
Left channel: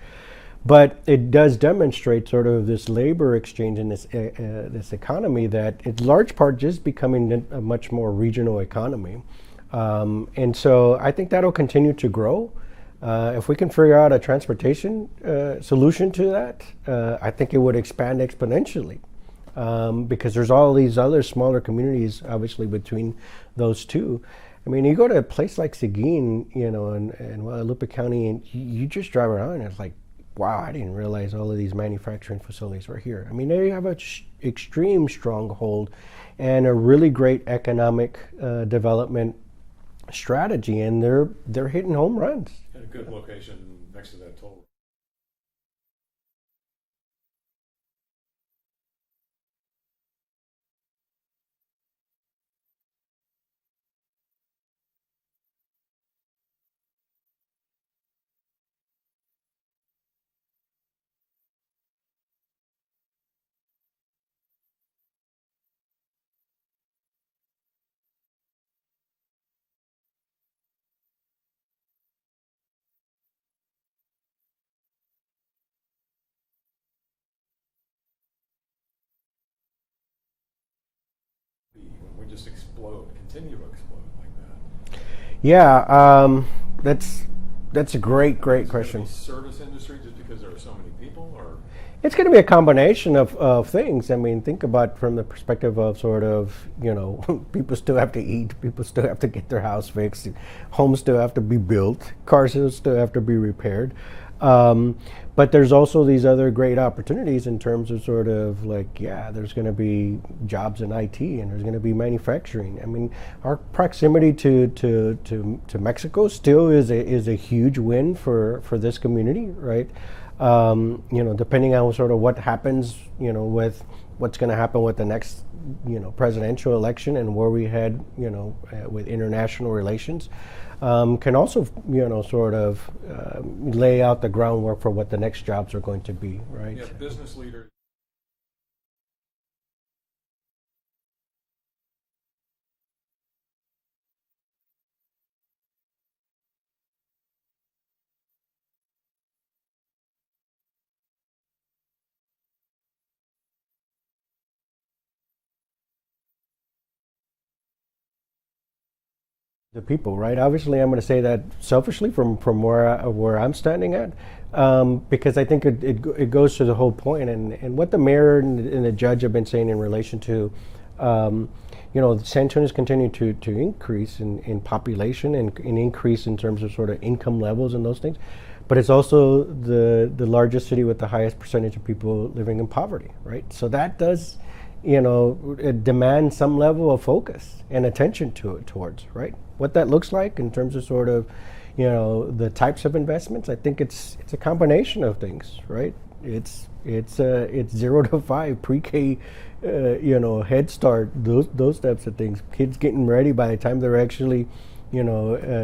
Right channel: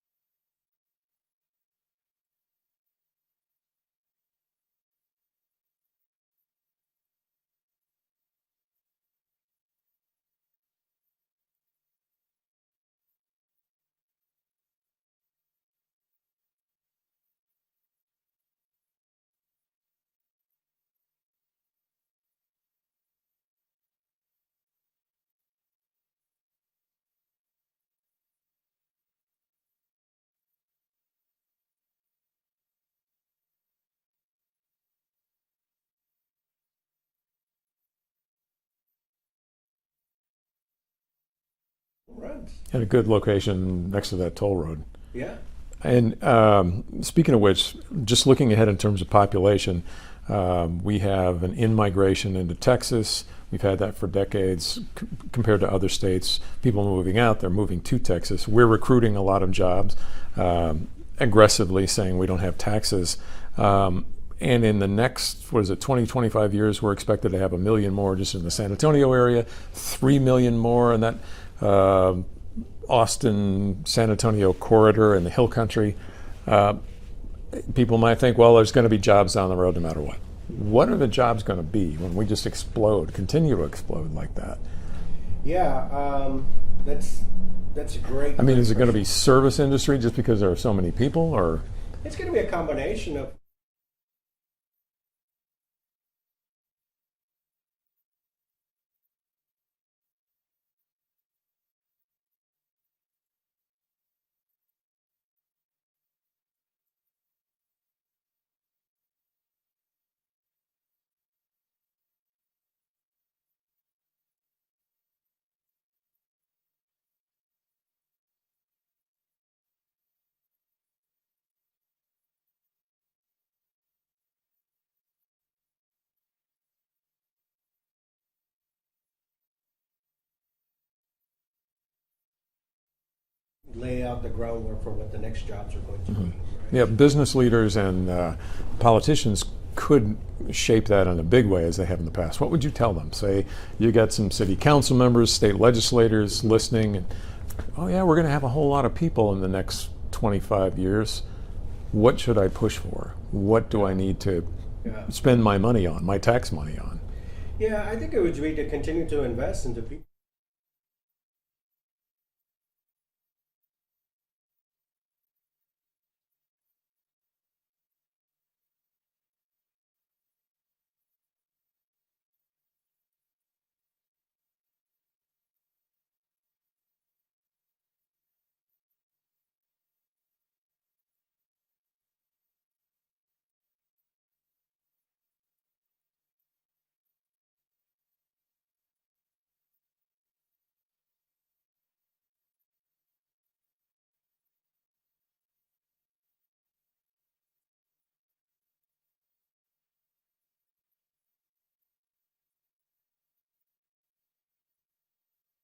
But it does demonstrate sort of this labor exchange in this economy that it's large part just becoming a much more regional economy. And so I think that'll continue to grow. If we can figure out a transportation solution to that, I think it would expand exponentially. Because there's all these other smaller communities, obviously, between those two. You go to a place like Seguin, in Guadalupe County, and you just drive around, and it's like, wow, I didn't realize all of these manufacturing facilities were here. They have an extreme stronghold and a really great economic development strategy, and they're hitting home runs. And a good location next to that toll road. Yeah. And speaking of which, just looking ahead in terms of population, we have an in-migration into Texas. We've had that for decades compared to other states. People moving out, they're moving to Texas. We're recruiting a lot of jobs, aggressively saying we don't have taxes. And in the next, 20, 25 years, we're expected to have 1 million more just in the San Antonio area, 3 million more in that Austin, San Antonio corridor in the Hill Country. People might think, well, there's going to be jobs down the road no matter what. What are the jobs going to be when we just continue to explode like that? Yeah, that's a great is question. it going to be service industry just because there are so many people, or? It's going to be a combination of things. Think about from the perspective of sort of, people still have to eat, people still have to get their house fixed, homes still have to be built, cars still have to be repaired. But there's also these other great opportunities in terms of sort of there's going to be jobs in IT, and there's going to be manufacturing. Our proximity to Mexico still is a huge win for this community, right? Depending on sort of what happens, with what's going to happen with the next, presidential election and where we head, with international relations, can also, sort of lay out the groundwork for what the next jobs are going to be, right? Yeah, business leaders and politicians could shape that in a big way as they have in the past, what would you tell them? Say you got some city council members, state legislators listening, and oh yeah, we're going to have a whole lot of people in the next 25 years. What should I push for? What do I need to spend my money on, my tax money on? Yeah, I think it would be to continue to invest into people, right? Obviously, I'm going to say that selfishly from where I'm standing at, because I think it goes to the whole point, and what the mayor and the judge have been saying in relation to, San Antonio's continuing to increase in population and increase in terms of sort of income levels and those things, but it's also the largest city with the highest percentage of people living in poverty, right? So that does demand some level of focus and attention towards, right? What that looks like in terms of sort of, the types of investments. I think it's a combination of things, right? It's 0 to 5, pre-K, Head Start, those types of things. Kids getting ready by the time they're actually,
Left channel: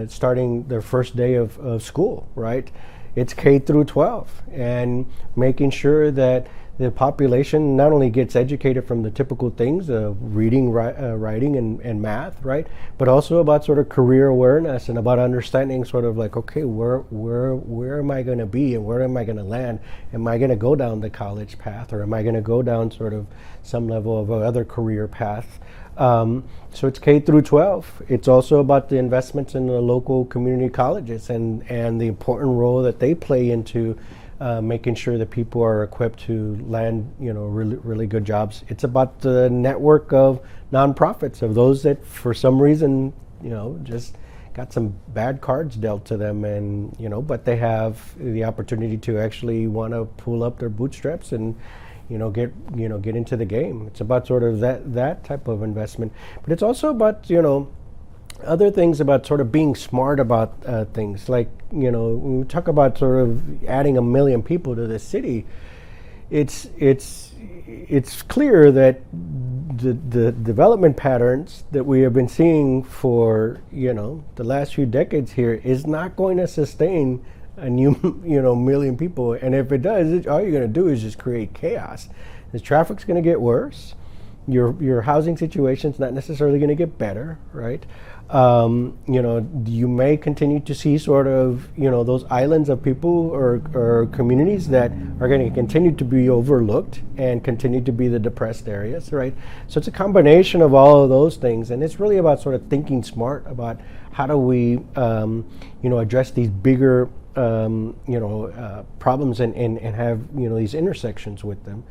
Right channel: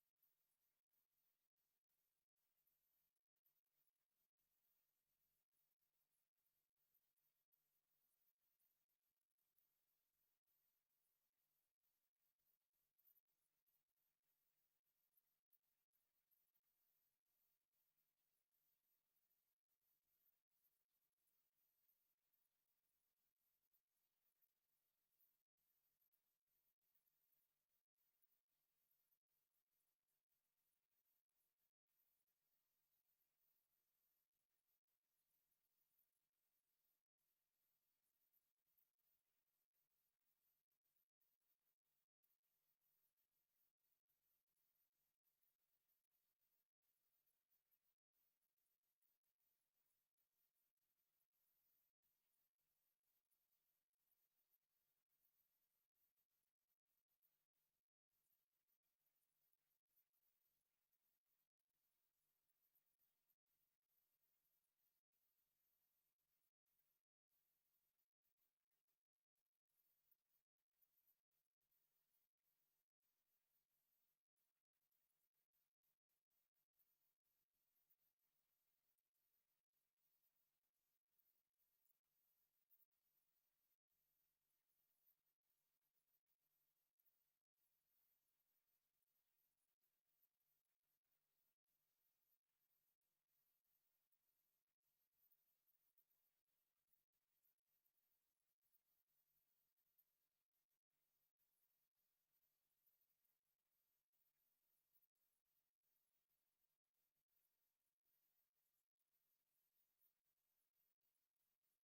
starting their first day of school, right? It's K through 12, and making sure that the population not only gets educated from the typical things of reading, writing, and math, right, but also about sort of career awareness and about understanding sort of like, okay, where am I going to be and where am I going to land? Am I going to go down the college path, or am I going to go down sort of some level of other career path? So it's K through 12. It's also about the investments in the local community colleges and the important role that they play into making sure that people are equipped to land, really good jobs. It's about the network of nonprofits, of those that for some reason, just got some bad cards dealt to them, and but they have the opportunity to actually want to pull up their bootstraps and get into the game. It's about sort of that type of investment, but it's also about other things about sort of being smart about things. Like, when we talk about sort of adding 1 million people to the city, it's clear that the development patterns that we have been seeing for the last few decades here is not going to sustain a new 1 million people. And if it does, all you're going to do is just create chaos. The traffic's going to get worse. Your housing situation's not necessarily going to get better, right? You may continue to see sort of, those islands of people or communities that are going to continue to be overlooked and continue to be the depressed areas, right? So it's a combination of all of those things, and it's really about sort of thinking smart about how do we, address these bigger, problems and have, these intersections with them.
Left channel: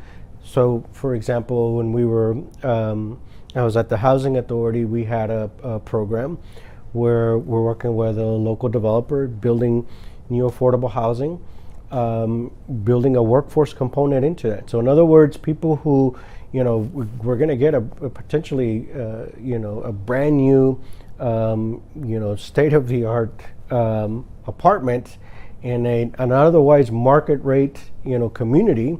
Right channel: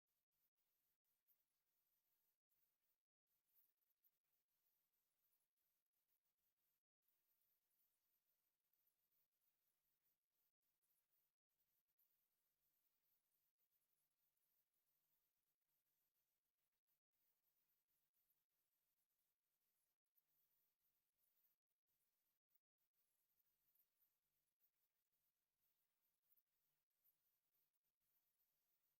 So, for example, when we were, I was at the Housing Authority, we had a program where we're working with a local developer, building new affordable housing, building a workforce component into that. So in other words, people who, we're going to get a potentially, a brand new, state-of-the-art apartment in an otherwise market rate, community.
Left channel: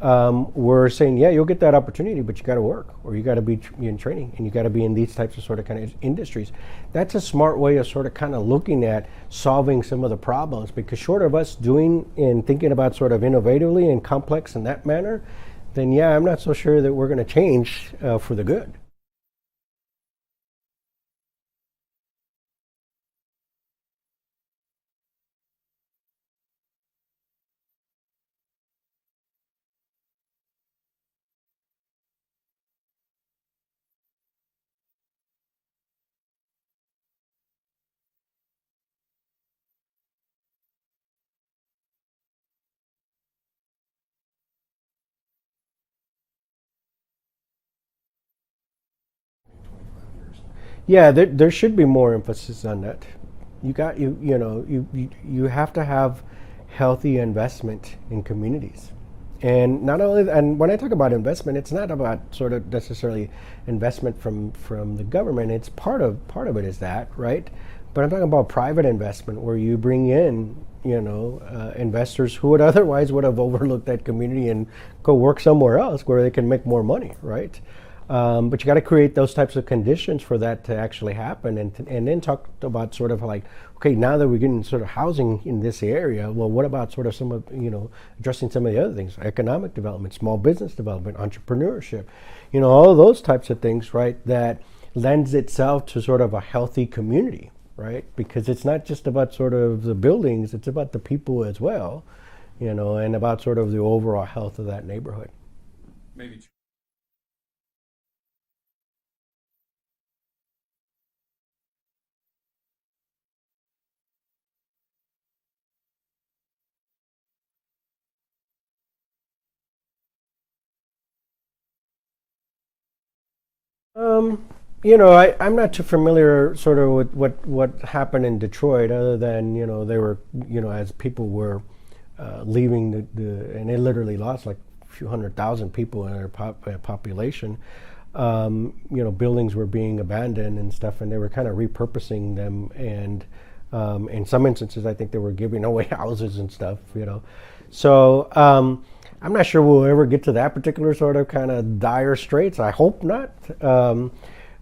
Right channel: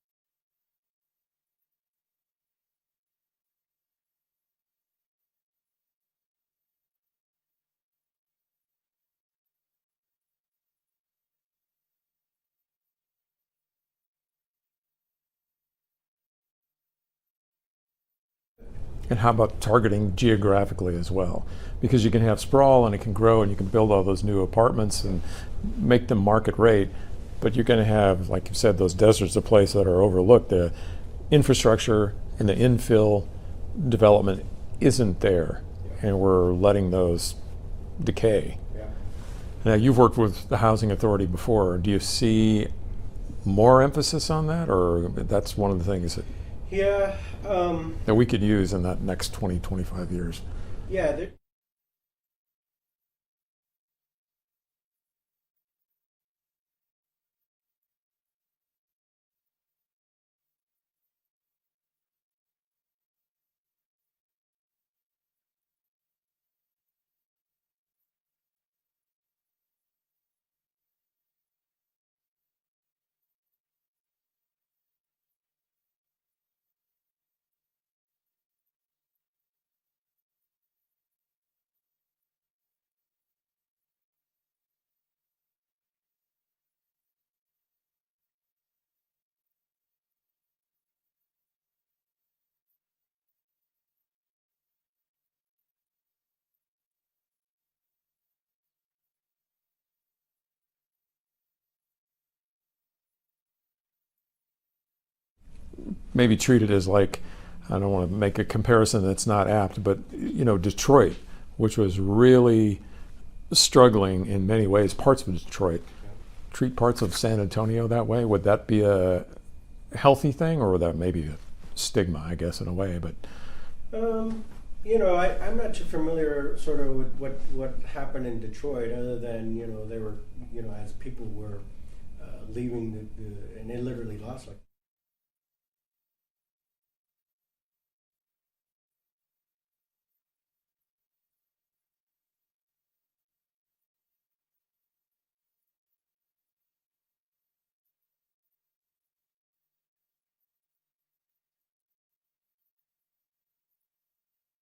We're saying, yeah, you'll get that opportunity, but you got to work, or you got to be in training, and you got to be in these types of sort of kind of industries. That's a smart way of sort of kind of looking at solving some of the problems, because short of us doing and thinking about sort of innovatively and complex in that manner, then yeah, I'm not so sure that we're going to change for the good. And how about targeting geographically as well? Because you can have sprawl and it can grow and you can build all those new apartments and make them market rate. But you're going to have, like you said, those deserts of place that are overlooked. The infrastructure and the infill development isn't there, and we're letting those decay. Yeah. Now, you've worked with the Housing Authority before. Do you see more emphasis on that, or that's one of the things that that we could use in that next 20, 25 years? Yeah, there should be more emphasis on that. You have to have healthy investment in communities, and not only. And when I talk about investment, it's not about sort of necessarily investment from the government. It's part of it is that, right? But I'm talking about private investment, where you bring in investors who would otherwise would have overlooked that community and go work somewhere else where they can make more money, right? But you got to create those types of conditions for that to actually happen, and then talk about sort of like, okay, now that we're getting sort of housing in this area, well, what about sort of some of, addressing some of the other things, economic development, small business development, entrepreneurship, all of those types of things, right, that lends itself to sort of a healthy community, right? Because it's not just about sort of the buildings, it's about the people as well, and about sort of the overall health of that neighborhood. Maybe treat it as like, I don't want to make a comparison that's not apt, but Detroit, which was really struggling in many ways, parts of Detroit. Treat parts of San Antonio that way. Would that be a healthy thing, or would that maybe a stigma, I guess, in a way? But I'm not too familiar sort of with what happened in Detroit, other than they were as people were leaving and they literally lost like a few 100,000 people in their population. Buildings were being abandoned and stuff, and they were kind of repurposing them, and in some instances, I think they were giving away houses and stuff. So I'm not sure we'll ever get to that particular sort of kind of dire straits. I hope not.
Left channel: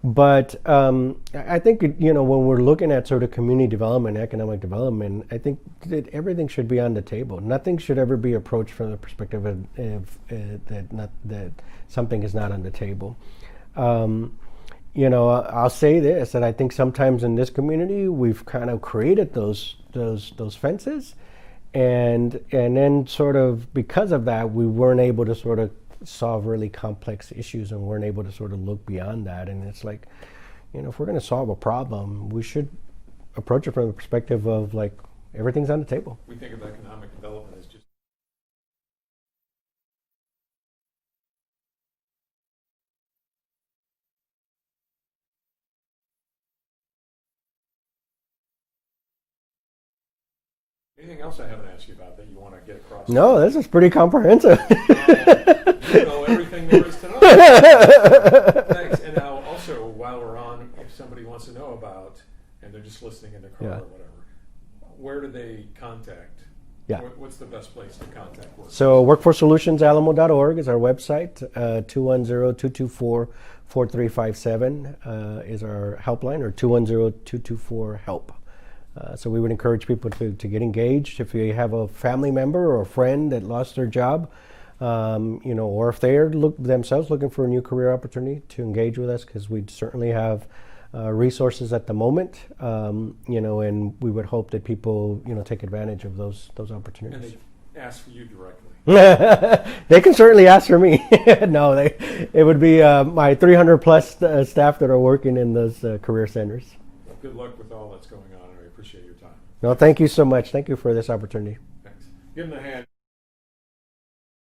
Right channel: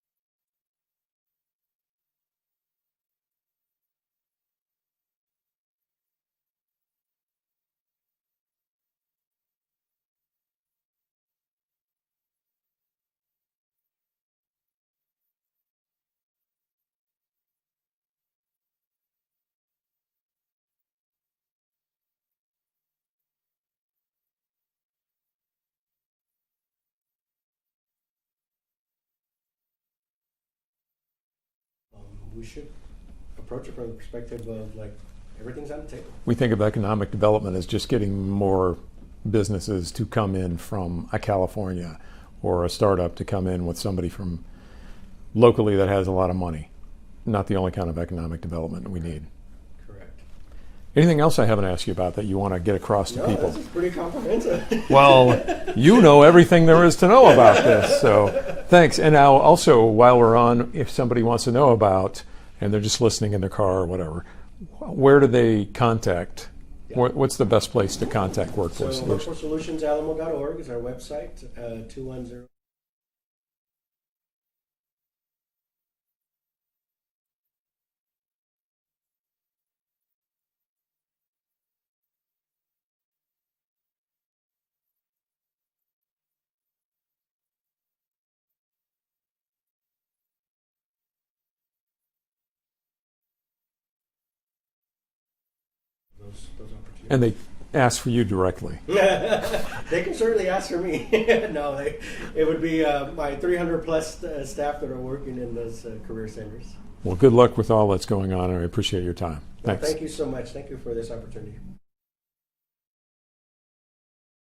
But I think, when we're looking at sort of community development, economic development, I think that everything should be on the table. Nothing should ever be approached from the perspective of that something is not on the table. I'll say this, that I think sometimes in this community, we've kind of created those fences, and then sort of because of that, we weren't able to sort of solve really complex issues, and weren't able to sort of look beyond that. And it's like, if we're going to solve a problem, we should approach it from the perspective of like, everything's on the table. We think of economic development as just getting more businesses to come in from California, or a startup to come in with somebody from locally that has a lot of money. Not the only kind of economic development we need. Anything else I haven't asked you about that you want to get across to people? No, this is pretty comprehensive. Well, you know everything there is to know about this, so thanks. And now also, while we're on, if somebody wants to know about, and they're just listening in their car or whatever, where do they contact? Yeah. What's the best place to contact Workforce So workforcesolutionsAlamo.org is our website. 210-224-4357 is our helpline, or 210-224-HELP. So we would encourage people to get engaged. If you have a family member or a friend that lost their job, or if they're themselves looking for a new career opportunity, to engage with us, because we certainly have resources at the moment, and we would hope that people, take advantage of those opportunities. And they ask for you directly. They can certainly ask for me. No, it would be my 300 plus staff that are working in those career centers. Well, good luck with all that's going on, and I appreciate your time. No, thank you so much. Thank you for this opportunity. Thanks. Give them a hand.